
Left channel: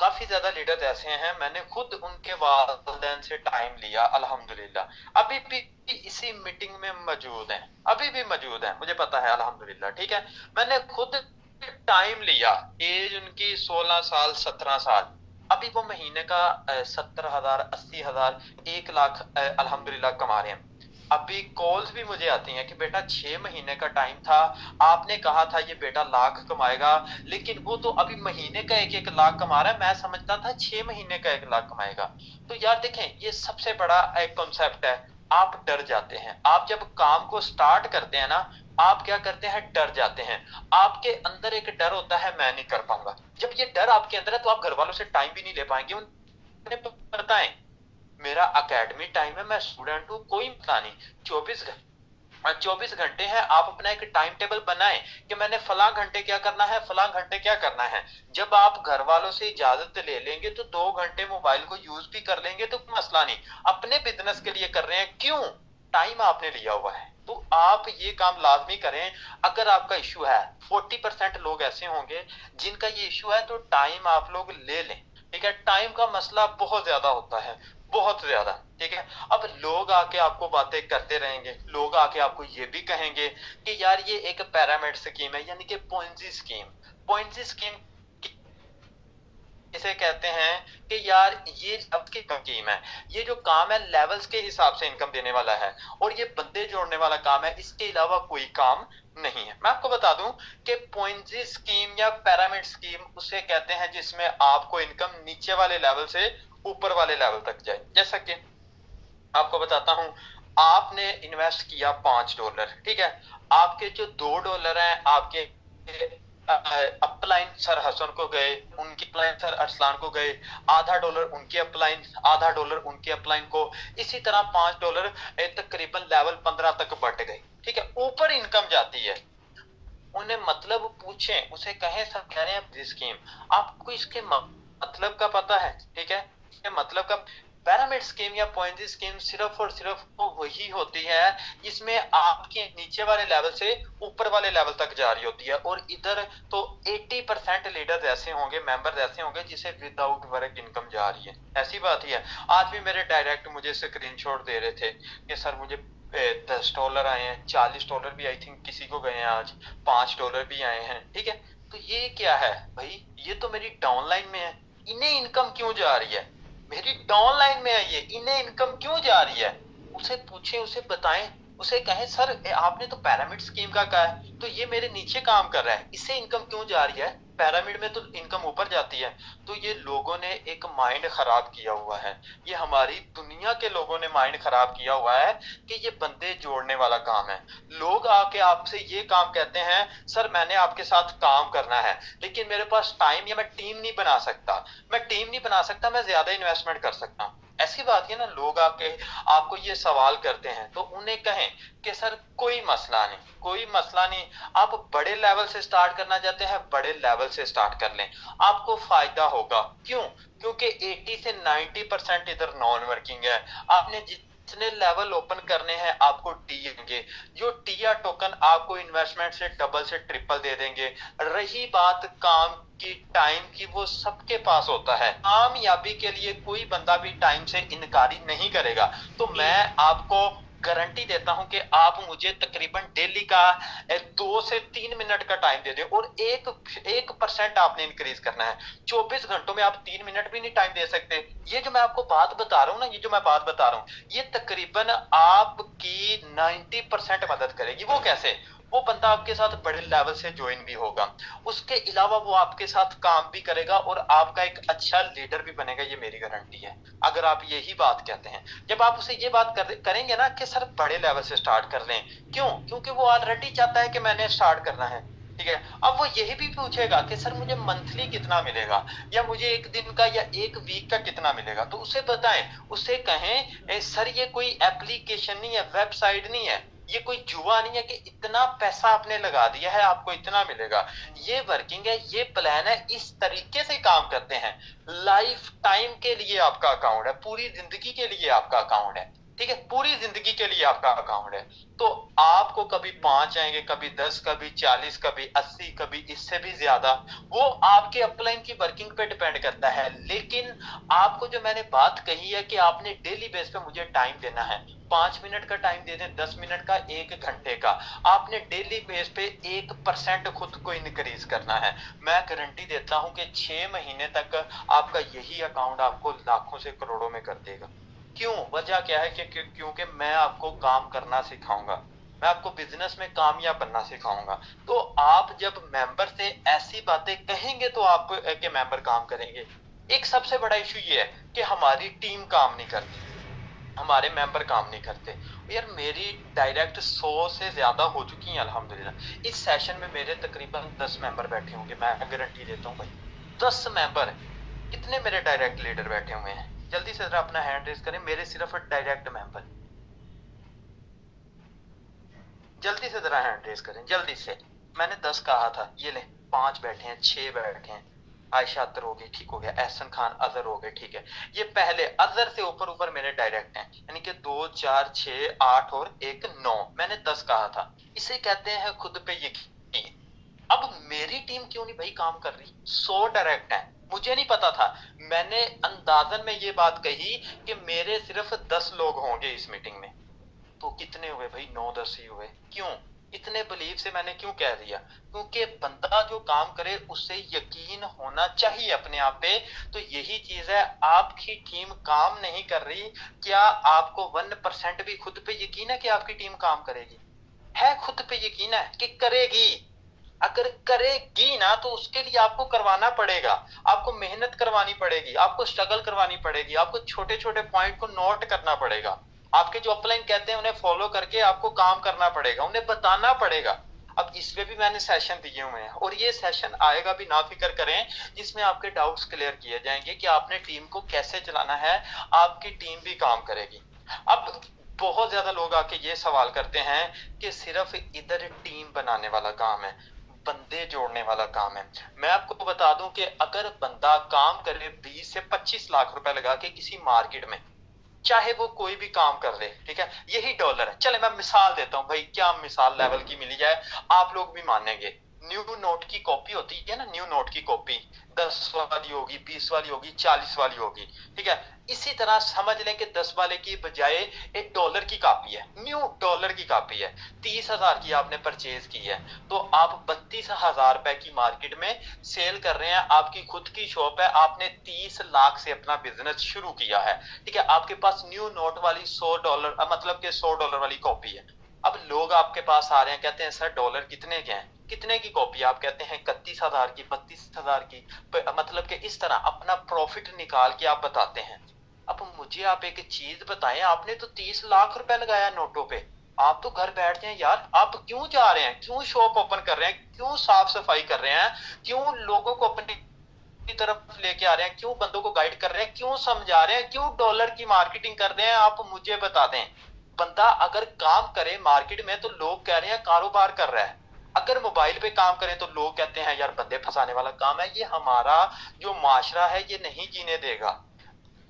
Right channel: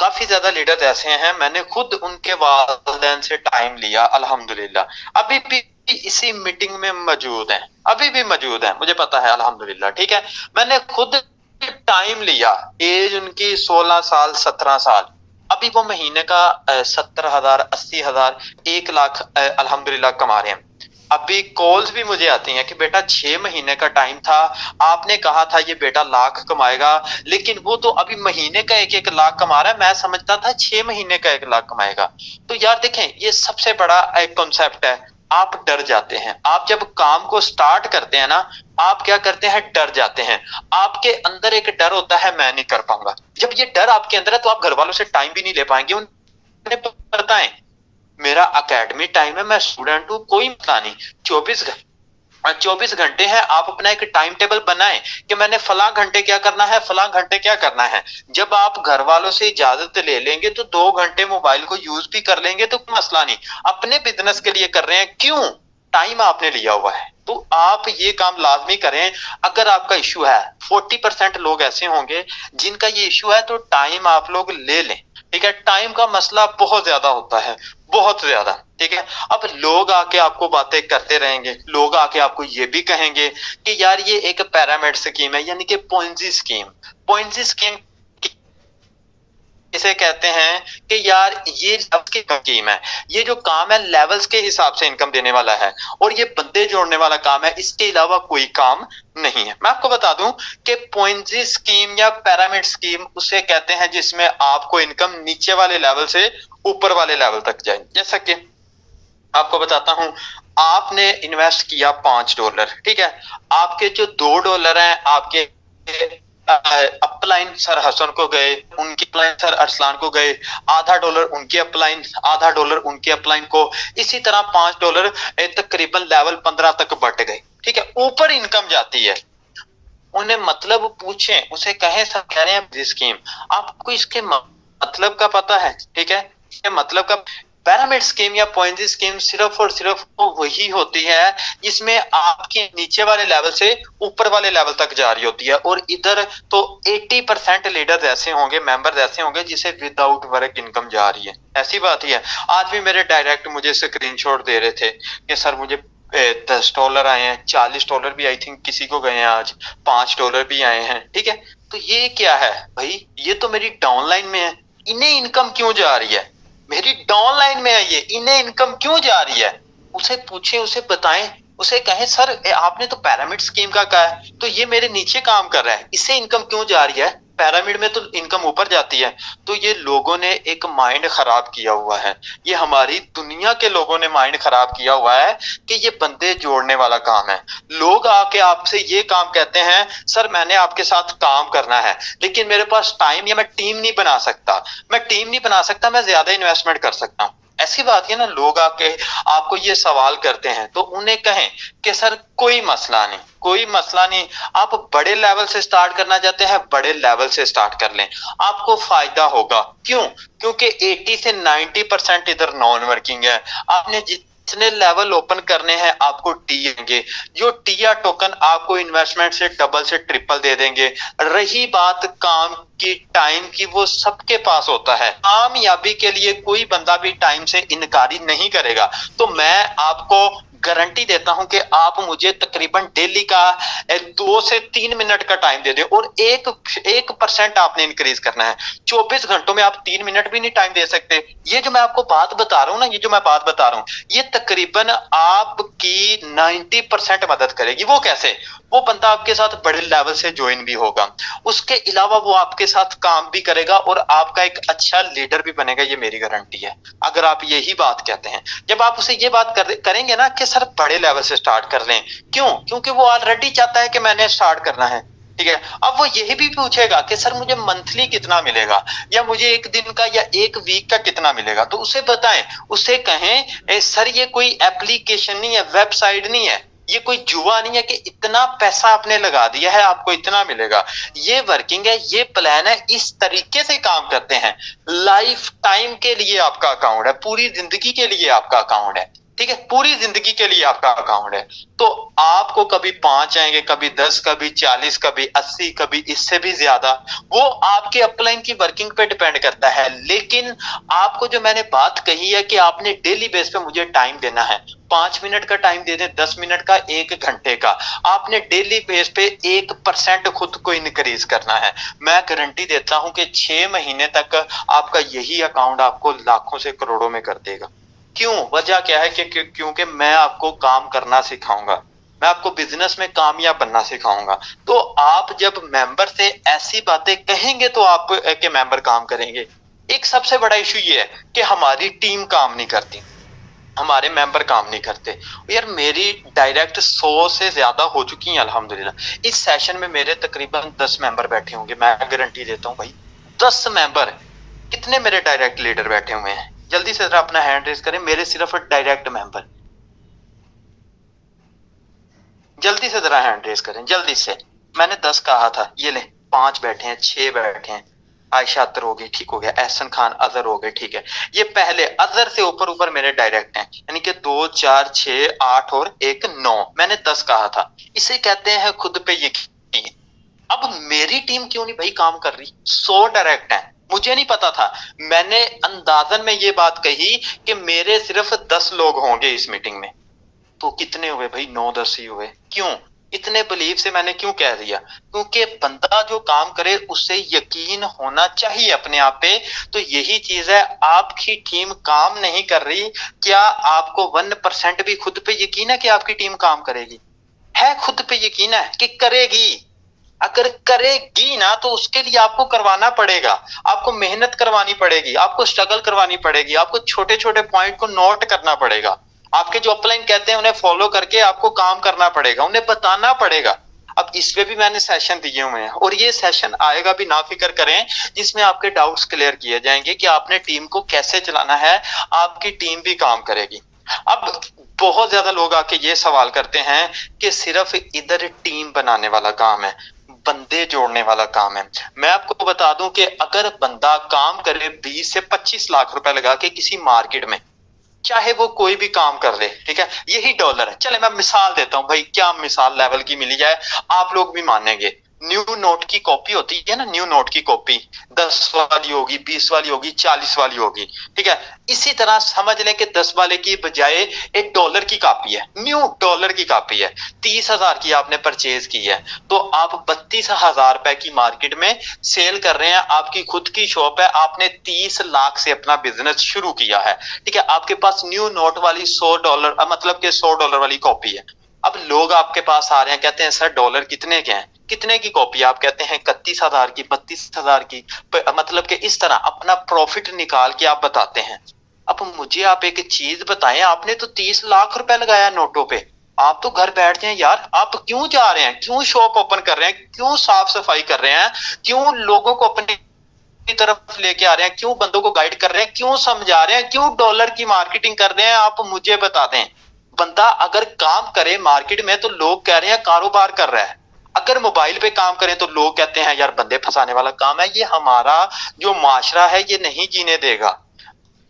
काफी ज्यादा लीडर्स ऐसे हैं, मैंने खुद उनके वालिदैन से टाइम लिया, अल्हम्दुलिल्लाह अभी भी इसी मीटिंग में मौजूद हैं, अभी भी मौजूद हैं, मुझे पता है अल्हम्दुलिल्लाह, ठीक है। मैंने खुद टाइम लिया, एज उनकी 16 साल 17 साल, अभी वो महीने का 70,000, 80,000, 1 लाख अल्हम्दुलिल्लाह कमा रहे हैं। अभी कॉल्स भी मुझे आती हैं कि बेटा 6 महीने का टाइम था, आपने कहा था ये बेटा लाख कमाएगा, लेकिन वो तो अभी महीने का 1-1 लाख कमा रहा है, मैं समझता था 6 महीने का 1 लाख कमाएगा। तो यार देखें, ये सबसे बड़ा एक कॉन्सेप्ट है, आप डर जाते हैं। आप जब काम को स्टार्ट करते हैं ना, आप क्या करते हैं, डर जाते हैं। आपके अंदर एक डर होता है, मैं नहीं कर पाऊंगा। जब ये डर आपके अंदर है तो आप घर वालों से टाइम भी नहीं ले पाएंगे। उन्हें पता है मेरा एकेडमी टाइम है, मैं स्टूडेंट हूँ, कोई मसला नहीं। 24 घंटे हैं, आप अपना एक टाइम टेबल बनाएं कि मैंने फला घंटे क्या करना है, फला घंटे क्या करना है। जब आप घर वालों से इजाजत ले लेंगे तो 2 घंटे मोबाइल को यूज भी कर लेंगे तो कोई मसला नहीं। अपने बिजनेस के लिए कर रहे हैं, क्यों, टाइम आपने लिया हुआ है, तो आप ये काम लाजमी करें। अगर आपका इश्यू है, 40% लोग ऐसे होंगे जिनका ये इश्यू है, तो टाइम आप लोग ले लें। ठीक है, टाइम का मसला बहुत ज्यादा होता है, बहुत ज्यादा। ठीक है, अब लोग आके आपको बातें करते रहेंगे, लोग आके आपको ये भी कहेंगे कि यार ये एक पिरामिड स्कीम है, यानी कि पोंजी स्कीम। पोंजी स्कीम इसे कहते हैं कि यार ये आपकी स्कीम है, ये जो काम है लेवल्स के हिसाब से इनकम देने वाला है, और ये बंदे जोड़ने वाला काम है, इसके अलावा कोई काम नहीं है। मैं आपको बता दूं कि पोंजी स्कीम या पिरामिड स्कीम उसे कहते हैं जिसमें आपको इनकम नीचे वाले लेवल से ऊपर वाले लेवल तक जाए। जैसा कि आपको बताता हूं, आपने इन्वेस्ट किया $5, ठीक है, आपके जो $2 हैं आपके अपलाइन सर हसन को गए, उनकी अपलाइन सर अरसलान को गए, आधा डॉलर उनके अपलाइन, आधा डॉलर उनके अपलाइन को, इसी तरह $5 तकरीबन लेवल 15 तक बढ़ गए। ठीक है, ऊपर इनकम जाती है। उन्हें मतलब पूछें, उसे कहें सर कह रहे हैं स्कीम, आपको इसके मतलब का पता है? ठीक है, इसके मतलब का पिरामिड स्कीम या पॉइंजी स्कीम सिर्फ और सिर्फ तो वही होती है जिसमें आपके नीचे वाले लेवल से ऊपर वाले लेवल तक जा रही होती है। और इधर तो 80% लीडर्स ऐसे होंगे, मेंबर्स ऐसे होंगे जिसे विदाउट वर्क इनकम जा रही है। ऐसी बात ही है। आज भी मेरे डायरेक्ट मुझे स्क्रीनशॉट दे रहे थे कि सर मुझे $10 आए हैं, $40 भी आई थिंक किसी को गए हैं, आज $5 भी आए हैं। ठीक है, तो ये क्या है भाई, ये तो मेरी डाउनलाइन में है, इन्हें इनकम क्यों जा रही है? मेरी डाउनलाइन में है ये, इन्हें इनकम क्यों जा रही है? उसे पूछे, उसे बताएं, उसे कहें सर आपने तो पिरामिड स्कीम का कहा है, तो ये मेरे नीचे काम कर रहा है, इससे इनकम क्यों जा रही है? पिरामिड में तो इनकम ऊपर जाती है। तो ये लोगों ने एक माइंड खराब किया हुआ है, ये हमारी दुनिया के लोगों ने माइंड खराब किया हुआ है कि ये बंदे जोड़ने वाला काम है। लोग आके आपसे ये काम कहते हैं, सर मैंने आपके साथ काम करना है लेकिन मेरे पास टाइम या मैं टीम नहीं बना सकता, मैं टीम नहीं बना सकता, मैं ज्यादा इन्वेस्टमेंट कर सकता हूँ। ऐसी बात है ना, लोग आके आपको ये सवाल करते हैं तो उन्हें कहें कि सर कोई मसला नहीं, कोई मसला नहीं, आप बड़े लेवल से स्टार्ट करना चाहते हैं, बड़े लेवल से स्टार्ट कर लें, आपको फायदा होगा। क्यों? क्योंकि 80 से 90% इधर नॉन वर्किंग है। आपने जितने लेवल ओपन करने हैं आपको टी देंगे, जो टिया टोकन आपको इन्वेस्टमेंट से डबल से ट्रिपल दे देंगे। रही बात काम की, टाइम की, वो सबके पास होता है। कामयाबी के लिए कोई बंदा भी टाइम से इनकारी नहीं करेगा। तो मैं आपको गारंटी देता हूं कि आप मुझे तकरीबन डेली का 2 से 3 मिनट का टाइम दे दें और 1% आपने इंक्रीज करना है। 24 घंटों में आप 3 मिनट भी नहीं टाइम दे सकते। ये जो मैं आपको बात बता रहा हूं ना, ये जो मैं बात बता रहा हूं, ये तकरीबन आपकी 90% मदद करेगी। वो कैसे? वो बंदा आपके साथ बड़े लेवल से ज्वाइन भी होगा, उसके अलावा वो आपके साथ काम भी करेगा और आपका एक अच्छा लीडर भी बनेगा, ये मेरी गारंटी है। अगर आप यही बात कहते हैं, जब आप उसे ये बात करेंगे ना कि सर बड़े लेवल से स्टार्ट कर लें, क्यों? क्योंकि वो ऑलरेडी चाहता है कि मैंने स्टार्ट करना है। ठीक है, अब वो यही भी पूछेगा कि सर मुझे मंथली कितना मिलेगा, या मुझे एक दिन का या एक वीक का कितना मिलेगा। तो उसे बताएं, उसे कहें सर ये कोई एप्लीकेशन नहीं है, वेबसाइट नहीं है, ये कोई जुआ नहीं है कि इतना पैसा आपने लगा दिया है आपको इतना मिलेगा। ये वर्किंग है, ये प्लान है, इस तरीके से काम करते हैं। लाइफ टाइम के लिए आपका अकाउंट है, पूरी जिंदगी के लिए आपका अकाउंट है। ठीक है, पूरी जिंदगी के लिए आपका अकाउंट है। तो आपको कभी 5 आएंगे, कभी 10, कभी 40, कभी 80, कभी इससे भी ज्यादा, वो आपके अपलाइन की वर्किंग पे डिपेंड करता है। लेकिन आपको जो मैंने बात कही है कि आपने डेली बेस पे मुझे टाइम देना है, 5 मिनट का टाइम दे दें, 10 मिनट का, 1 घंटे का, आपने डेली बेस पे 1% खुद को इनक्रीज करना है। मैं गारंटी देता हूं कि 6 महीने तक आपका यही अकाउंट आपको लाखों से करोड़ों में कर देगा। क्यों? वजह क्या है कि क्योंकि मैं आपको काम करना सिखाऊंगा, मैं आपको बिजनेस में कामयाब बनना सिखाऊंगा। तो आप जब मेंबर से ऐसी बातें कहेंगे तो आप के मेंबर काम करेंगे। एक सबसे बड़ा इशू ये है कि हमारी टीम काम नहीं करती, हमारे मेंबर काम नहीं करते। यार मेरी डायरेक्ट 100 से ज्यादा हो चुकी हैं अल्हम्दुलिल्लाह। इस सेशन में मेरे तकरीबन 10 मेंबर बैठे होंगे, मैं गारंटी देता हूँ भाई, 10 मेंबर। कितने मेरे डायरेक्ट लीडर बैठे हुए हैं? जल्दी से जरा अपना हैंड रेज करें, मेरे सिर्फ डायरेक्ट मेंबर। जल्दी से जरा हैंड रेज करें, जल्दी से। मैंने 10 कहा था, ये ले 5 बैठे हैं, 6 बैठे हैं। आयशा अतर हो गई, ठीक हो गया। एहसन खान अजहर हो गए, ठीक है। ये पहले अजहर से ऊपर ऊपर मेरे डायरेक्ट हैं, यानी कि 2, 4, 6, 8 और 1, 9। मैंने 10 कहा था। इसे कहते हैं खुद पे यकीन। अब मेरी टीम क्यों नहीं भाई काम कर रही? 100 डायरेक्ट हैं, मुझे नहीं पता था। मैंने अंदाजन में ये बात कही कि मेरे सिर्फ 10 लोग होंगे इस मीटिंग में। तो कितने हुए भाई? 9-10 ही हुए। क्यों? इतने बिलीव से मैंने क्यों कह दिया? क्योंकि बंदा जो काम करे उससे यकीन होना चाहिए अपने आप पे। तो यही चीज है, आपकी टीम काम नहीं कर रही, क्या आपको 1% भी खुद पे यकीन है कि आपकी टीम काम करेगी? है खुद पे यकीन है कि करेगी? अगर करेगी ना तो उसके लिए आपको करवाना पड़ेगा, आपको मेहनत करवानी पड़ेगी, आपको स्ट्रगल करवानी पड़ेगी, आपको छोटे छोटे पॉइंट को नोट करना पड़ेगा। आपके जो अपलाइन कहते हैं उन्हें फॉलो करके आपको काम करना पड़ेगा, उन्हें बताना पड़ेगा। अब इसमें भी मैंने सेशन दिए हुए हैं और ये सेशन आएगा भी, ना फिक्र करें, जिसमें आपके डाउट्स क्लियर किए जाएंगे कि आपने टीम को कैसे चलाना है, आपकी टीम भी काम करेगी। अब बहुत ज्यादा लोग आके ये सवाल करते हैं कि सिर्फ इधर टीम बनाने वाला काम है, बंदे जोड़ने वाला काम है। मैं आपको बता दूं कि अगर बंदा काम करे 20 से 25 लाख रुपए लगा के किसी मार्केट में, चाहे वो कोई भी काम कर ले, ठीक है, यही डॉलर है। चले मैं मिसाल देता हूं भाई, क्या मिसाल लेवल की मिली जाए आप लोग भी मानेंगे। न्यू नोट की कॉपी होती है ना, न्यू नोट की कॉपी 10 वाली होगी, 20 वाली होगी, 40 वाली होगी, ठीक है। इसी तरह समझ लें कि 10 वाले की बजाय एक डॉलर की कॉपी है, न्यू डॉलर की कॉपी है, 30,000 की आपने परचेज की है, तो आप 32,000 रुपए की मार्केट में सेल कर रहे हैं। आपकी खुद की शॉप है, आपने 30 लाख से अपना बिजनेस शुरू किया है, ठीक है। आपके पास न्यू नोट वाली $100, मतलब के $100 वाली कॉपी है। अब लोग आपके पास आ रहे हैं, कहते हैं सर डॉलर कितने के हैं, कितने की कॉपी? आप कहते हैं 31,000 की, 32,000 की, मतलब कि इस तरह अपना प्रॉफिट निकाल के आप बताते हैं। अब मुझे आप एक चीज बताएं, आपने तो 30 लाख रुपए लगाया नोटों पे, आप तो घर बैठ जाएं यार। आप क्यों जा रहे हैं? क्यों शॉप ओपन कर रहे हैं? क्यों साफ सफाई कर रहे हैं? क्यों लोगों को अपनी तरफ लेके आ रहे हैं? क्यों बंदों को गाइड कर रहे हैं? क्यों समझा रहे हैं? क्यों डॉलर की मार्केटिंग कर रहे हैं? आप मुझे बता दें। बंदा अगर काम करे मार्केट में तो लोग कह रहे हैं कारोबार कर रहा है, अगर मोबाइल पे काम करें तो लोग कहते हैं यार बंदे फंसाने वाला काम है। ये हमारा जो माशरा है ये नहीं जीने देगा।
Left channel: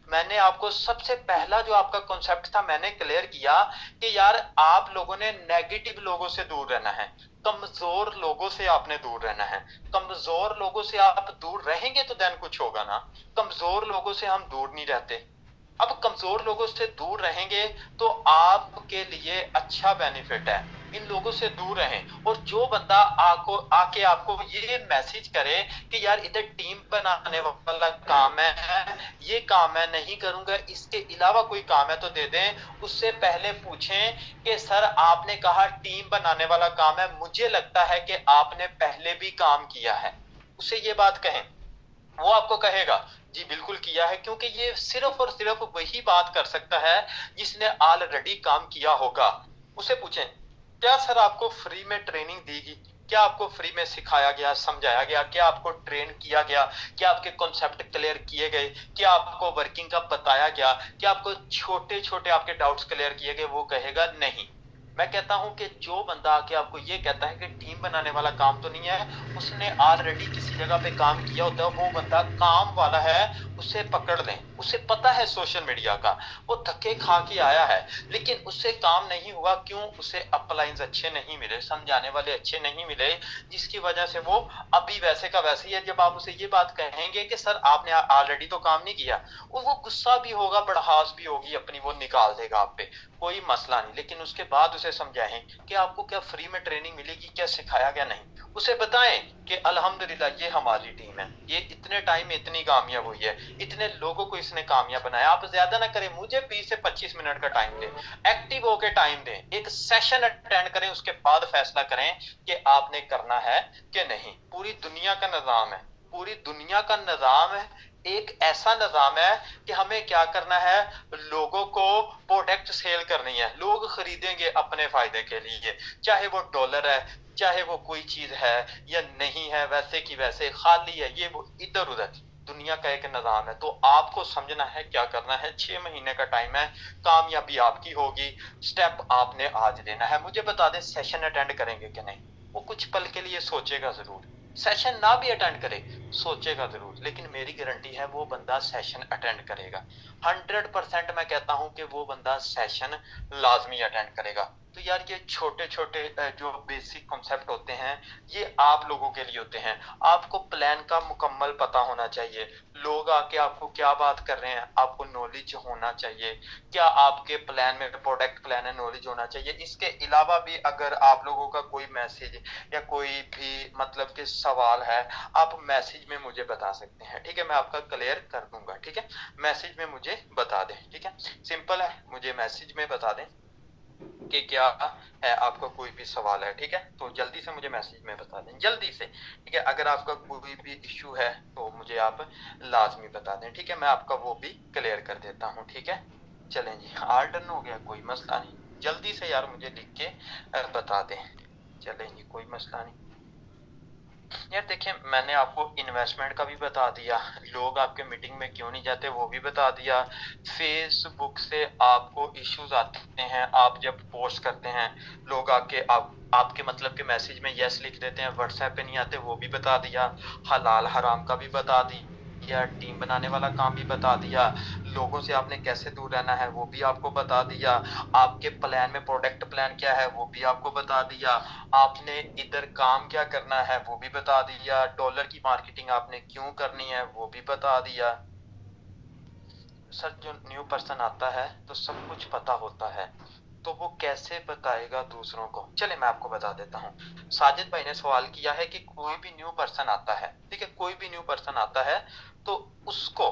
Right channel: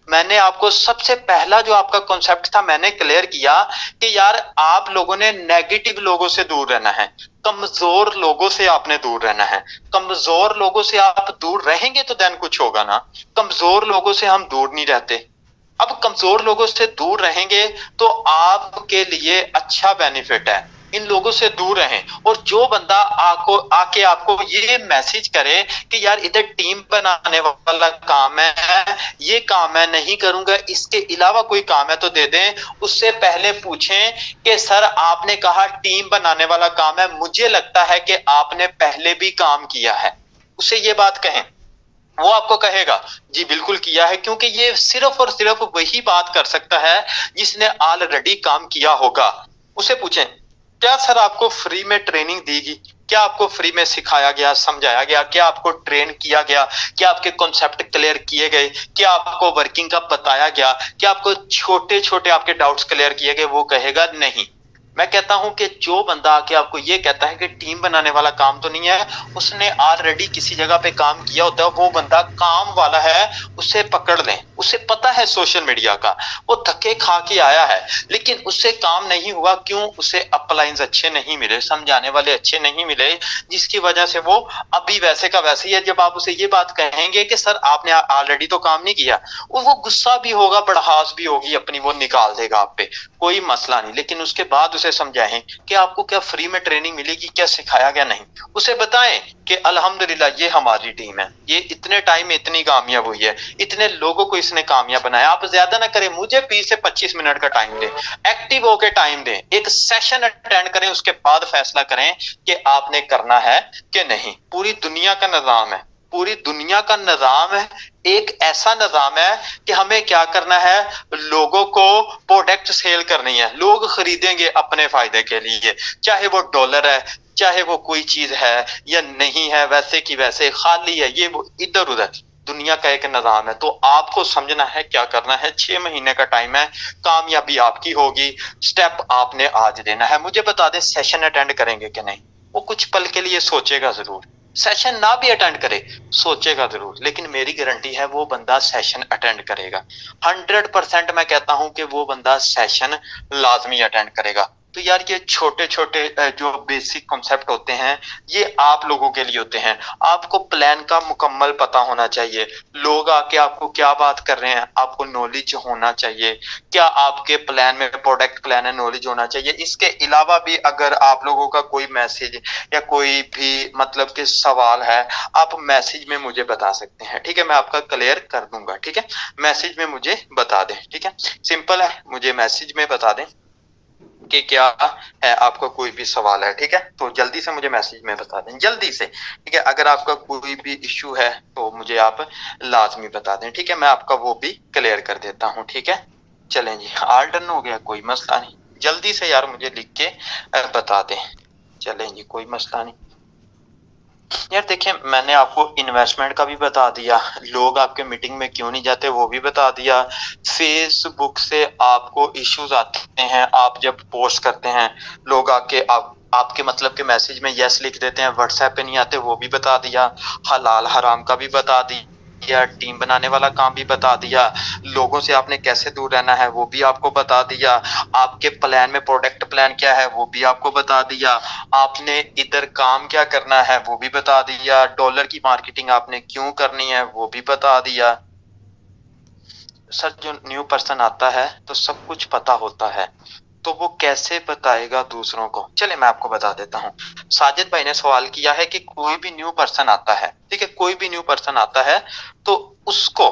मैंने आपको सबसे पहला जो आपका कॉन्सेप्ट था मैंने क्लियर किया कि यार आप लोगों ने नेगेटिव लोगों से दूर रहना है, कमजोर लोगों से आपने दूर रहना है। कमजोर लोगों से आप दूर रहेंगे तो देन कुछ होगा ना, कमजोर लोगों से हम दूर नहीं रहते। अब कमजोर लोगों से दूर रहेंगे तो आपके लिए अच्छा बेनिफिट है, इन लोगों से दूर रहें। और जो बंदा आके आपको ये मैसेज करे कि यार इधर टीम बनाने वाला काम है, ये काम मैं नहीं करूंगा, इसके अलावा कोई काम है तो दे दें, उससे पहले पूछें कि सर आपने कहा टीम बनाने वाला काम है, मुझे लगता है कि आपने पहले भी काम किया है। उसे ये बात कहें, वो आपको कहेगा जी बिल्कुल किया है, क्योंकि ये सिर्फ और सिर्फ वही बात कर सकता है जिसने ऑलरेडी काम किया होगा। उसे पूछें क्या सर आपको फ्री में ट्रेनिंग दी गई, क्या आपको फ्री में सिखाया गया, समझाया गया, क्या आपको ट्रेन किया गया, क्या आपके कॉन्सेप्ट क्लियर किए गए, क्या आपको वर्किंग का बताया गया, क्या आपको छोटे छोटे आपके डाउट्स क्लियर किए गए? वो कहेगा नहीं। मैं कहता हूं कि जो बंदा आके आपको ये कहता है कि टीम बनाने वाला काम तो नहीं है, उसने ऑलरेडी किसी जगह पे काम किया होता है, वो बंदा काम वाला है, उसे पकड़ लें। उसे पता है सोशल मीडिया का, वो धक्के खा के आया है, लेकिन उससे काम नहीं हुआ। क्यों? उसे अपलाइंस अच्छे नहीं मिले, समझाने वाले अच्छे नहीं मिले, जिसकी वजह से वो अभी वैसे का वैसे ही है। जब आप उसे ये बात कहेंगे कि सर आपने ऑलरेडी तो काम नहीं किया, वो गुस्सा भी होगा, बड़हास भी होगी अपनी, वो निकाल देगा आप पे, कोई मसला नहीं। लेकिन उसके बाद उसे समझाएं कि आपको क्या फ्री में ट्रेनिंग मिलेगी, क्या सिखाया गया, नहीं। उसे बताएं कि अल्हम्दुलिल्लाह ये हमारी टीम है, ये इतने टाइम में इतनी कामयाब हुई है, इतने लोगों को इसने कामयाब बनाया। आप ज्यादा ना करें, मुझे 20 से 25 मिनट का टाइम दें, एक्टिव होके टाइम दें, एक सेशन अटेंड करें, उसके बाद फैसला करें कि आपने करना है कि नहीं। पूरी दुनिया का निजाम है, पूरी दुनिया का निजाम है, एक ऐसा निजाम है कि हमें क्या करना है, लोगों को प्रोडक्ट सेल करनी है, लोग खरीदेंगे अपने फायदे के लिए, चाहे वो डॉलर है, चाहे वो कोई चीज है या नहीं है, वैसे की वैसे खाली है, ये वो इधर उधर दुनिया का एक निजाम है। तो आपको समझना है क्या करना है। 6 महीने का टाइम है, कामयाबी आपकी होगी, स्टेप आपने आज लेना है। मुझे बता दें, सेशन अटेंड करेंगे कि नहीं? वो कुछ पल के लिए सोचेगा जरूर, सेशन ना भी अटेंड करे, सोचेगा जरूर, लेकिन मेरी गारंटी है वो बंदा सेशन अटेंड करेगा। 100% मैं कहता हूं कि वो बंदा सेशन लाजमी अटेंड करेगा। तो यार ये छोटे छोटे जो बेसिक कॉन्सेप्ट होते हैं, ये आप लोगों के लिए होते हैं। आपको प्लान का मुकम्मल पता होना चाहिए, लोग आके आपको क्या बात कर रहे हैं, आपको नॉलेज होना चाहिए, क्या आपके प्लान में प्रोडक्ट प्लान है, नॉलेज होना चाहिए। इसके अलावा भी अगर आप लोगों का कोई मैसेज या कोई भी मतलब कि सवाल है, आप मैसेज में मुझे बता सकते हैं, ठीक है? मैं आपका क्लियर कर दूंगा, ठीक है? मैसेज में मुझे बता दें, ठीक है? सिंपल है, मुझे मैसेज में बता दें कि क्या है, आपका कोई भी सवाल है, ठीक है? तो जल्दी से मुझे मैसेज में बता दें, जल्दी से, ठीक है? अगर आपका कोई भी इश्यू है तो मुझे आप लाजमी बता दें, ठीक है? मैं आपका वो भी क्लियर कर देता हूँ, ठीक है? चलें जी, ऑल डन हो गया, कोई मसला नहीं। जल्दी से यार मुझे लिख के बता दें। चलें जी, कोई मसला नहीं। यार देखिए, मैंने आपको इन्वेस्टमेंट का भी बता दिया, लोग आपके मीटिंग में क्यों नहीं जाते वो भी बता दिया, फेसबुक से आपको इश्यूज आते हैं, आप जब पोस्ट करते हैं लोग आके आपके मतलब के मैसेज में यस लिख देते हैं, व्हाट्सएप पे नहीं आते, वो भी बता दिया, हलाल हराम का भी बता दिया, टीम बनाने वाला काम भी बता दिया, लोगों से आपने कैसे दूर रहना है वो भी आपको बता दिया, आपके प्लान में प्रोडक्ट प्लान क्या है वो भी आपको बता दिया, आपने इधर काम क्या करना है वो भी बता दिया, डॉलर की मार्केटिंग आपने क्यों करनी है वो भी बता दिया। सर जो न्यू पर्सन आता है तो सब कुछ पता होता है, तो वो कैसे बताएगा दूसरों को? चले मैं आपको बता देता हूँ। साजिद भाई ने सवाल किया है कि कोई भी न्यू पर्सन आता है, ठीक है, कोई भी न्यू पर्सन आता है तो उसको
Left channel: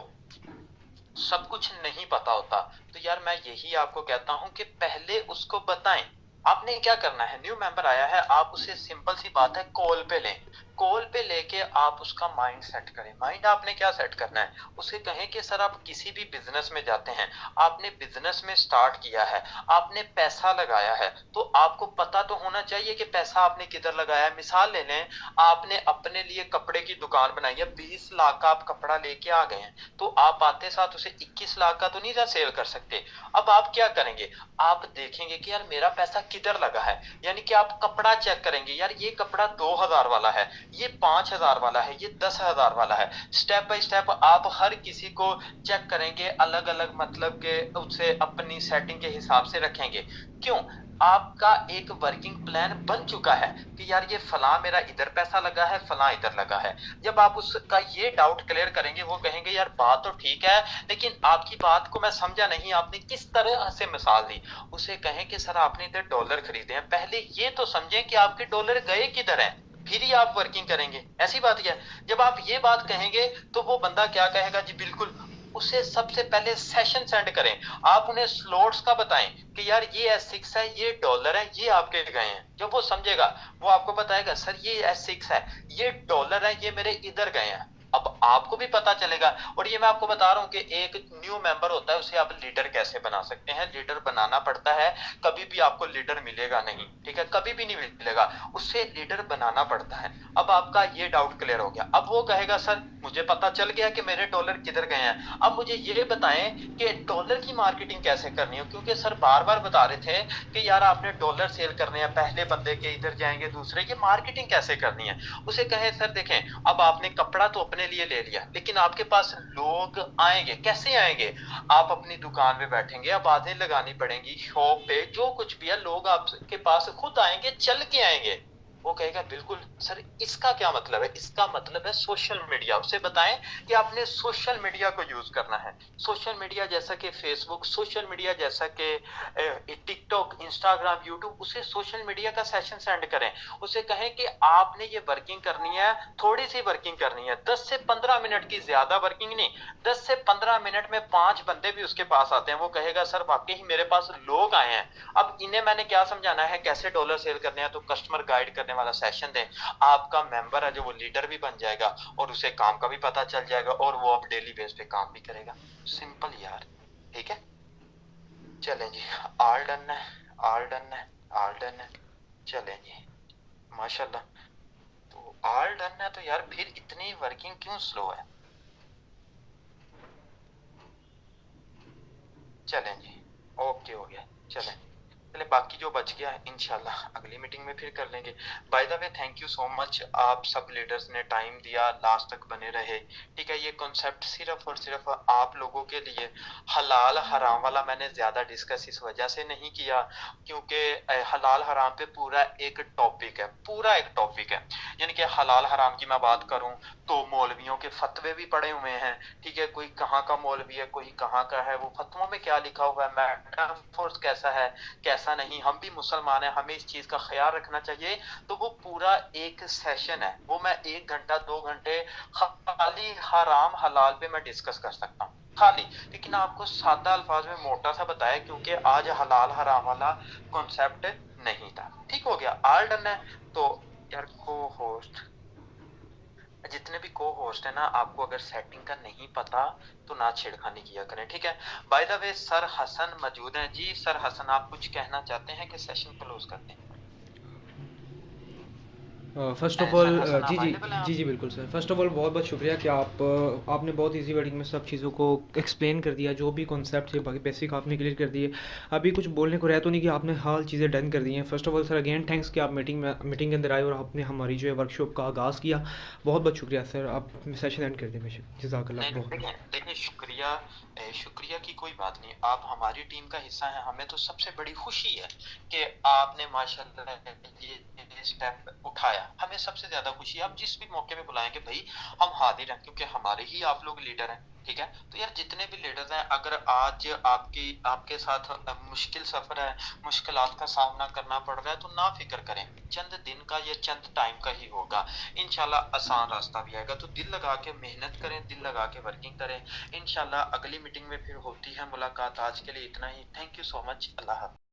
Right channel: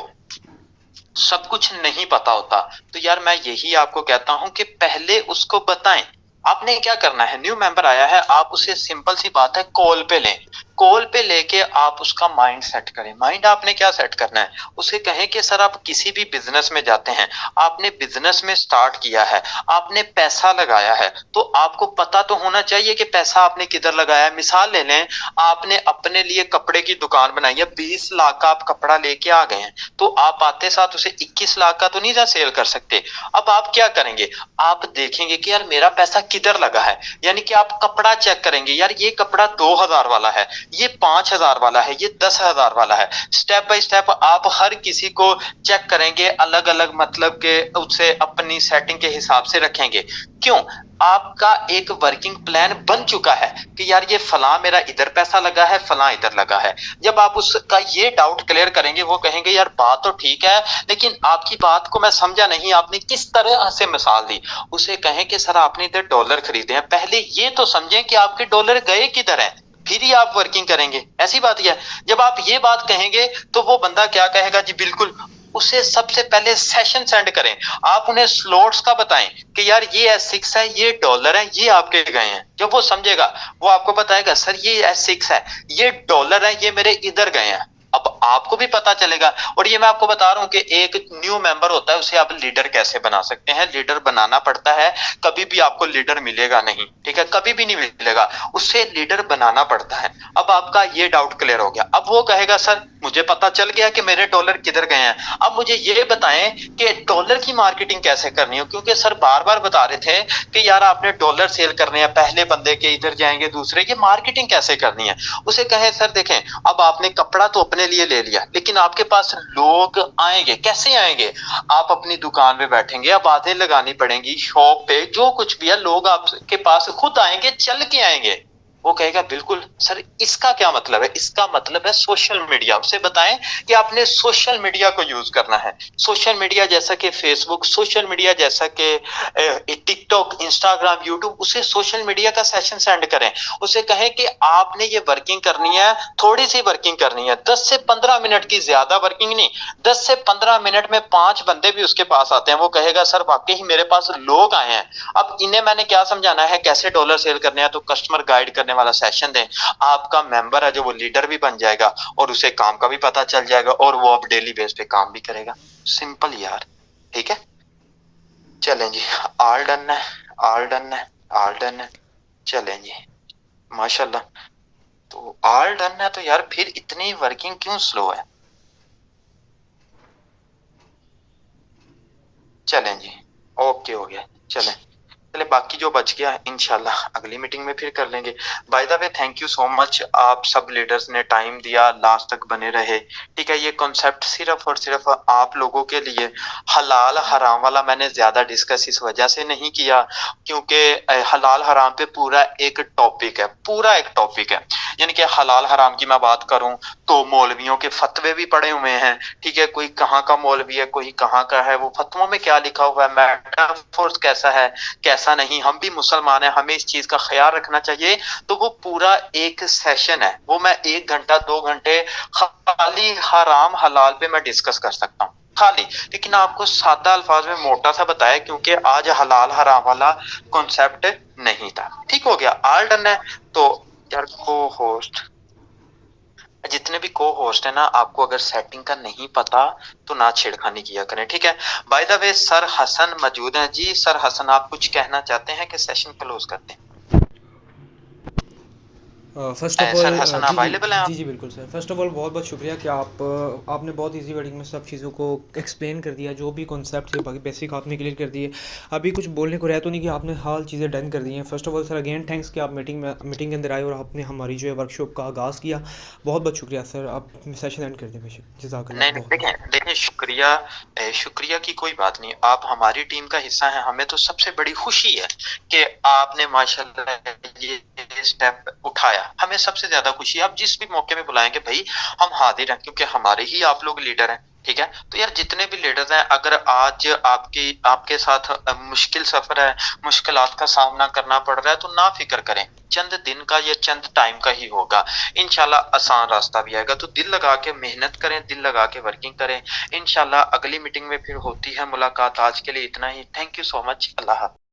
सब कुछ नहीं पता होता। तो यार मैं यही आपको कहता हूं कि पहले उसको बताएं। आपने क्या करना है, न्यू मेंबर आया है, आप उसे सिंपल सी बात है कॉल पे लें, कॉल पे लेके आप उसका माइंड सेट करें। माइंड आपने क्या सेट करना है, उसे कहें कि सर आप किसी भी बिजनेस में जाते हैं, आपने बिजनेस में स्टार्ट किया है, आपने पैसा लगाया है, तो आपको पता तो होना चाहिए कि पैसा आपने किधर लगाया है। मिसाल ले लें, आपने अपने लिए कपड़े की दुकान बनाई है, 20 लाख का आप कपड़ा लेके आ गए हैं, तो आप आते साथ उसे 21 लाख का तो नहीं जा सेल कर सकते। अब आप क्या करेंगे, आप देखेंगे कि यार मेरा पैसा किधर लगा है, यानी कि आप कपड़ा चेक करेंगे, यार ये कपड़ा 2000 वाला है, ये 5000 वाला है, ये 10,000 वाला है। स्टेप बाय स्टेप आप हर किसी को चेक करेंगे, अलग अलग मतलब के उसे अपनी सेटिंग के हिसाब से रखेंगे। क्यों? आपका एक वर्किंग प्लान बन चुका है कि यार ये फलां मेरा इधर पैसा लगा है, फलां इधर लगा है। जब आप उसका ये डाउट क्लियर करेंगे, वो कहेंगे यार बात तो ठीक है, लेकिन आपकी बात को मैं समझा नहीं, आपने किस तरह से मिसाल दी। उसे कहें कि सर आपने इधर डॉलर खरीदे हैं, पहले ये तो समझें कि आपके डॉलर गए किधर हैं, फिर ही आप वर्किंग करेंगे। ऐसी बात है। जब आप ये बात कहेंगे तो वो बंदा क्या कहेगा, जी बिल्कुल। उसे सबसे पहले सेशन सेंड करें, आप उन्हें स्लॉट्स का बताएं कि यार ये S6 है, ये डॉलर है, ये आपके गए हैं। जब वो समझेगा वो आपको बताएगा सर ये S6 है, ये डॉलर है, ये मेरे इधर गए हैं। अब आपको भी पता चलेगा। और ये मैं आपको बता रहा हूं कि एक न्यू मेंबर होता है, उसे आप लीडर कैसे बना सकते हैं। लीडर बनाना पड़ता है, कभी भी आपको लीडर मिलेगा नहीं, ठीक है, कभी भी नहीं मिलेगा, उससे लीडर बनाना पड़ता है। अब आपका ये डाउट क्लियर हो गया। अब वो कहेगा सर मुझे पता चल गया कि मेरे डॉलर किधर गए हैं, अब मुझे ये बताएं कि डॉलर की मार्केटिंग कैसे करनी हो, क्योंकि सर बार बार बता रहे थे कि यार आपने डॉलर सेल करने हैं, पहले बंदे के इधर जाएंगे, दूसरे की मार्केटिंग कैसे करनी है। उसे कहे सर देखें, अब आपने कपड़ा तो अपने लिए ले लिया, लेकिन आपके पास लोग आएंगे, कैसे आएंगे? आप अपनी दुकान पे बैठेंगे, अब बातें लगानी पड़ेंगी, शॉप पे जो कुछ भी है, लोग आपके पास खुद आएंगे, चल के आएंगे। वो कहेगा बिल्कुल सर, इसका क्या मतलब है? इसका मतलब है सोशल मीडिया। उसे बताएं कि आपने सोशल मीडिया को यूज करना है। सोशल मीडिया जैसा कि फेसबुक, सोशल मीडिया जैसा कि टिकटॉक, इंस्टाग्राम, यूट्यूब, उसे सोशल मीडिया का सेशन सेंड करें। उसे कहें कि आपने ये वर्किंग करनी है, थोड़ी सी वर्किंग करनी है, 10 से 15 मिनट की, ज्यादा वर्किंग नहीं। 10 से 15 मिनट में 5 बंदे भी उसके पास आते हैं, वो कहेगा सर वाकई ही मेरे पास लोग आए हैं। अब इन्हें मैंने क्या समझाना है, कैसे डॉलर सेल करने हैं, तो कस्टमर गाइड करने वाला सेशन दें। आपका मेंबर है जो, वो लीडर भी बन जाएगा और उसे काम का भी पता चल जाएगा और वो अब डेली बेस पे काम भी करेगा। सिंपल यार, ठीक है? चलें जी, ऑल डन है, ऑल डन है, ऑल डन है। चलें जी, माशाल्लाह। तो ऑल डन है तो यार फिर इतनी वर्किंग क्यों स्लो है? चलें जी, ओके हो गया। चलें, चले बाकी जो बच गया इंशाल्लाह अगली मीटिंग में फिर कर लेंगे। Bye the way thank you so much, आप सब लीडर्स ने टाइम दिया, लास्ट तक बने रहे। ठीक है, ये कॉन्सेप्ट सिर्फ और सिर्फ आप लोगों के लिए, हलाल हराम वाला मैंने ज्यादा डिस्कस इस वजह से नहीं किया क्योंकि हलाल हराम पे पूरा एक टॉपिक है, पूरा एक टॉपिक है। यानी कि हलाल हराम की मैं बात करूं तो मौलवियों के फतवे भी पड़े हुए हैं। ठीक है, कोई कहाँ का मौलवी है, कोई कहाँ का है, वो फतवों में क्या लिखा हुआ है, मेटाफोर्स कैसा है, कैसा नहीं। हम भी मुसलमान हैं, हमें इस चीज का ख्याल रखना चाहिए। तो वो पूरा एक सेशन है, वो मैं 1 घंटा 2 घंटे खाली हराम हलाल पे मैं डिस्कस कर सकता हूँ खाली। लेकिन आपको सादा अल्फाज में मोटा सा बताया क्योंकि आज हलाल हराम वाला कॉन्सेप्ट नहीं था। ठीक हो गया, ऑल डन है। तो यार को होस्ट, जितने भी को होस्ट है ना, आपको अगर सेटिंग का नहीं पता तो ना छेड़खानी किया करें, ठीक है? By the way sir Hasan मौजूद हैं जी। सर हसन, आप कुछ कहना चाहते हैं कि सेशन क्लोज करते हैं? First of sir all Hasan ji, जी। अवेलेबल हैं आप? जी, जी, बिल्कुल सर। फ़र्स्ट ऑफ़ ऑल बहुत-बहुत शुक्रिया कि आपने बहुत ईज़ी वर्डिंग में सब चीज़ों को एक्सप्लेन कर दिया, जो भी कॉन्सेप्ट थे बाकी बेसिक आपने क्लियर कर दिए। अभी कुछ बोलने को रहा तो नहीं कि आपने हाल चीज़ें डन कर दी हैं। First of all sir again thanks कि आप मीटिंग के अंदर आए और आपने हमारी जो है वर्कशॉप का आगाज़ किया। बहुत-बहुत शुक्रिया सर। आप सेशन एंड कर दें बेशक। जज़ाकल्लाह नहीं, नहीं, बहुत-बहुत। देखें देखें, शुक्रिया शुक्रिया की कोई बात नहीं। आप हमारी टीम का हिस्सा हैं, हमें तो सबसे बड़ी खुशी है कि आपने माशाल्लाह ये स्टेप उठाया। हमें सबसे ज़्यादा खुशी है, आप जिस भी मौके में बुलाएँगे भई हम हाज़िर हैं क्योंकि हमारे ही आप लोग लीडर हैं, ठीक है? तो यार जितने भी लीडर्स हैं, अगर आज आपके साथ मुश्किल सफ़र है, मुश्किलात का सामना करना पड़ रहा है तो ना फ़िक्र करें। चंद दिन का या चंद टाइम का ही होगा। इंशाल्लाह आसान रास्ता भी आएगा। तो दिल लगा के मेहनत करें, दिल लगा के वर्किंग करें। इंशाल्लाह अगली मीटिंग में फिर होती है मुलाकात। आज के लिए इतना ही। Thank you so much. अल्लाह हाफ़िज़।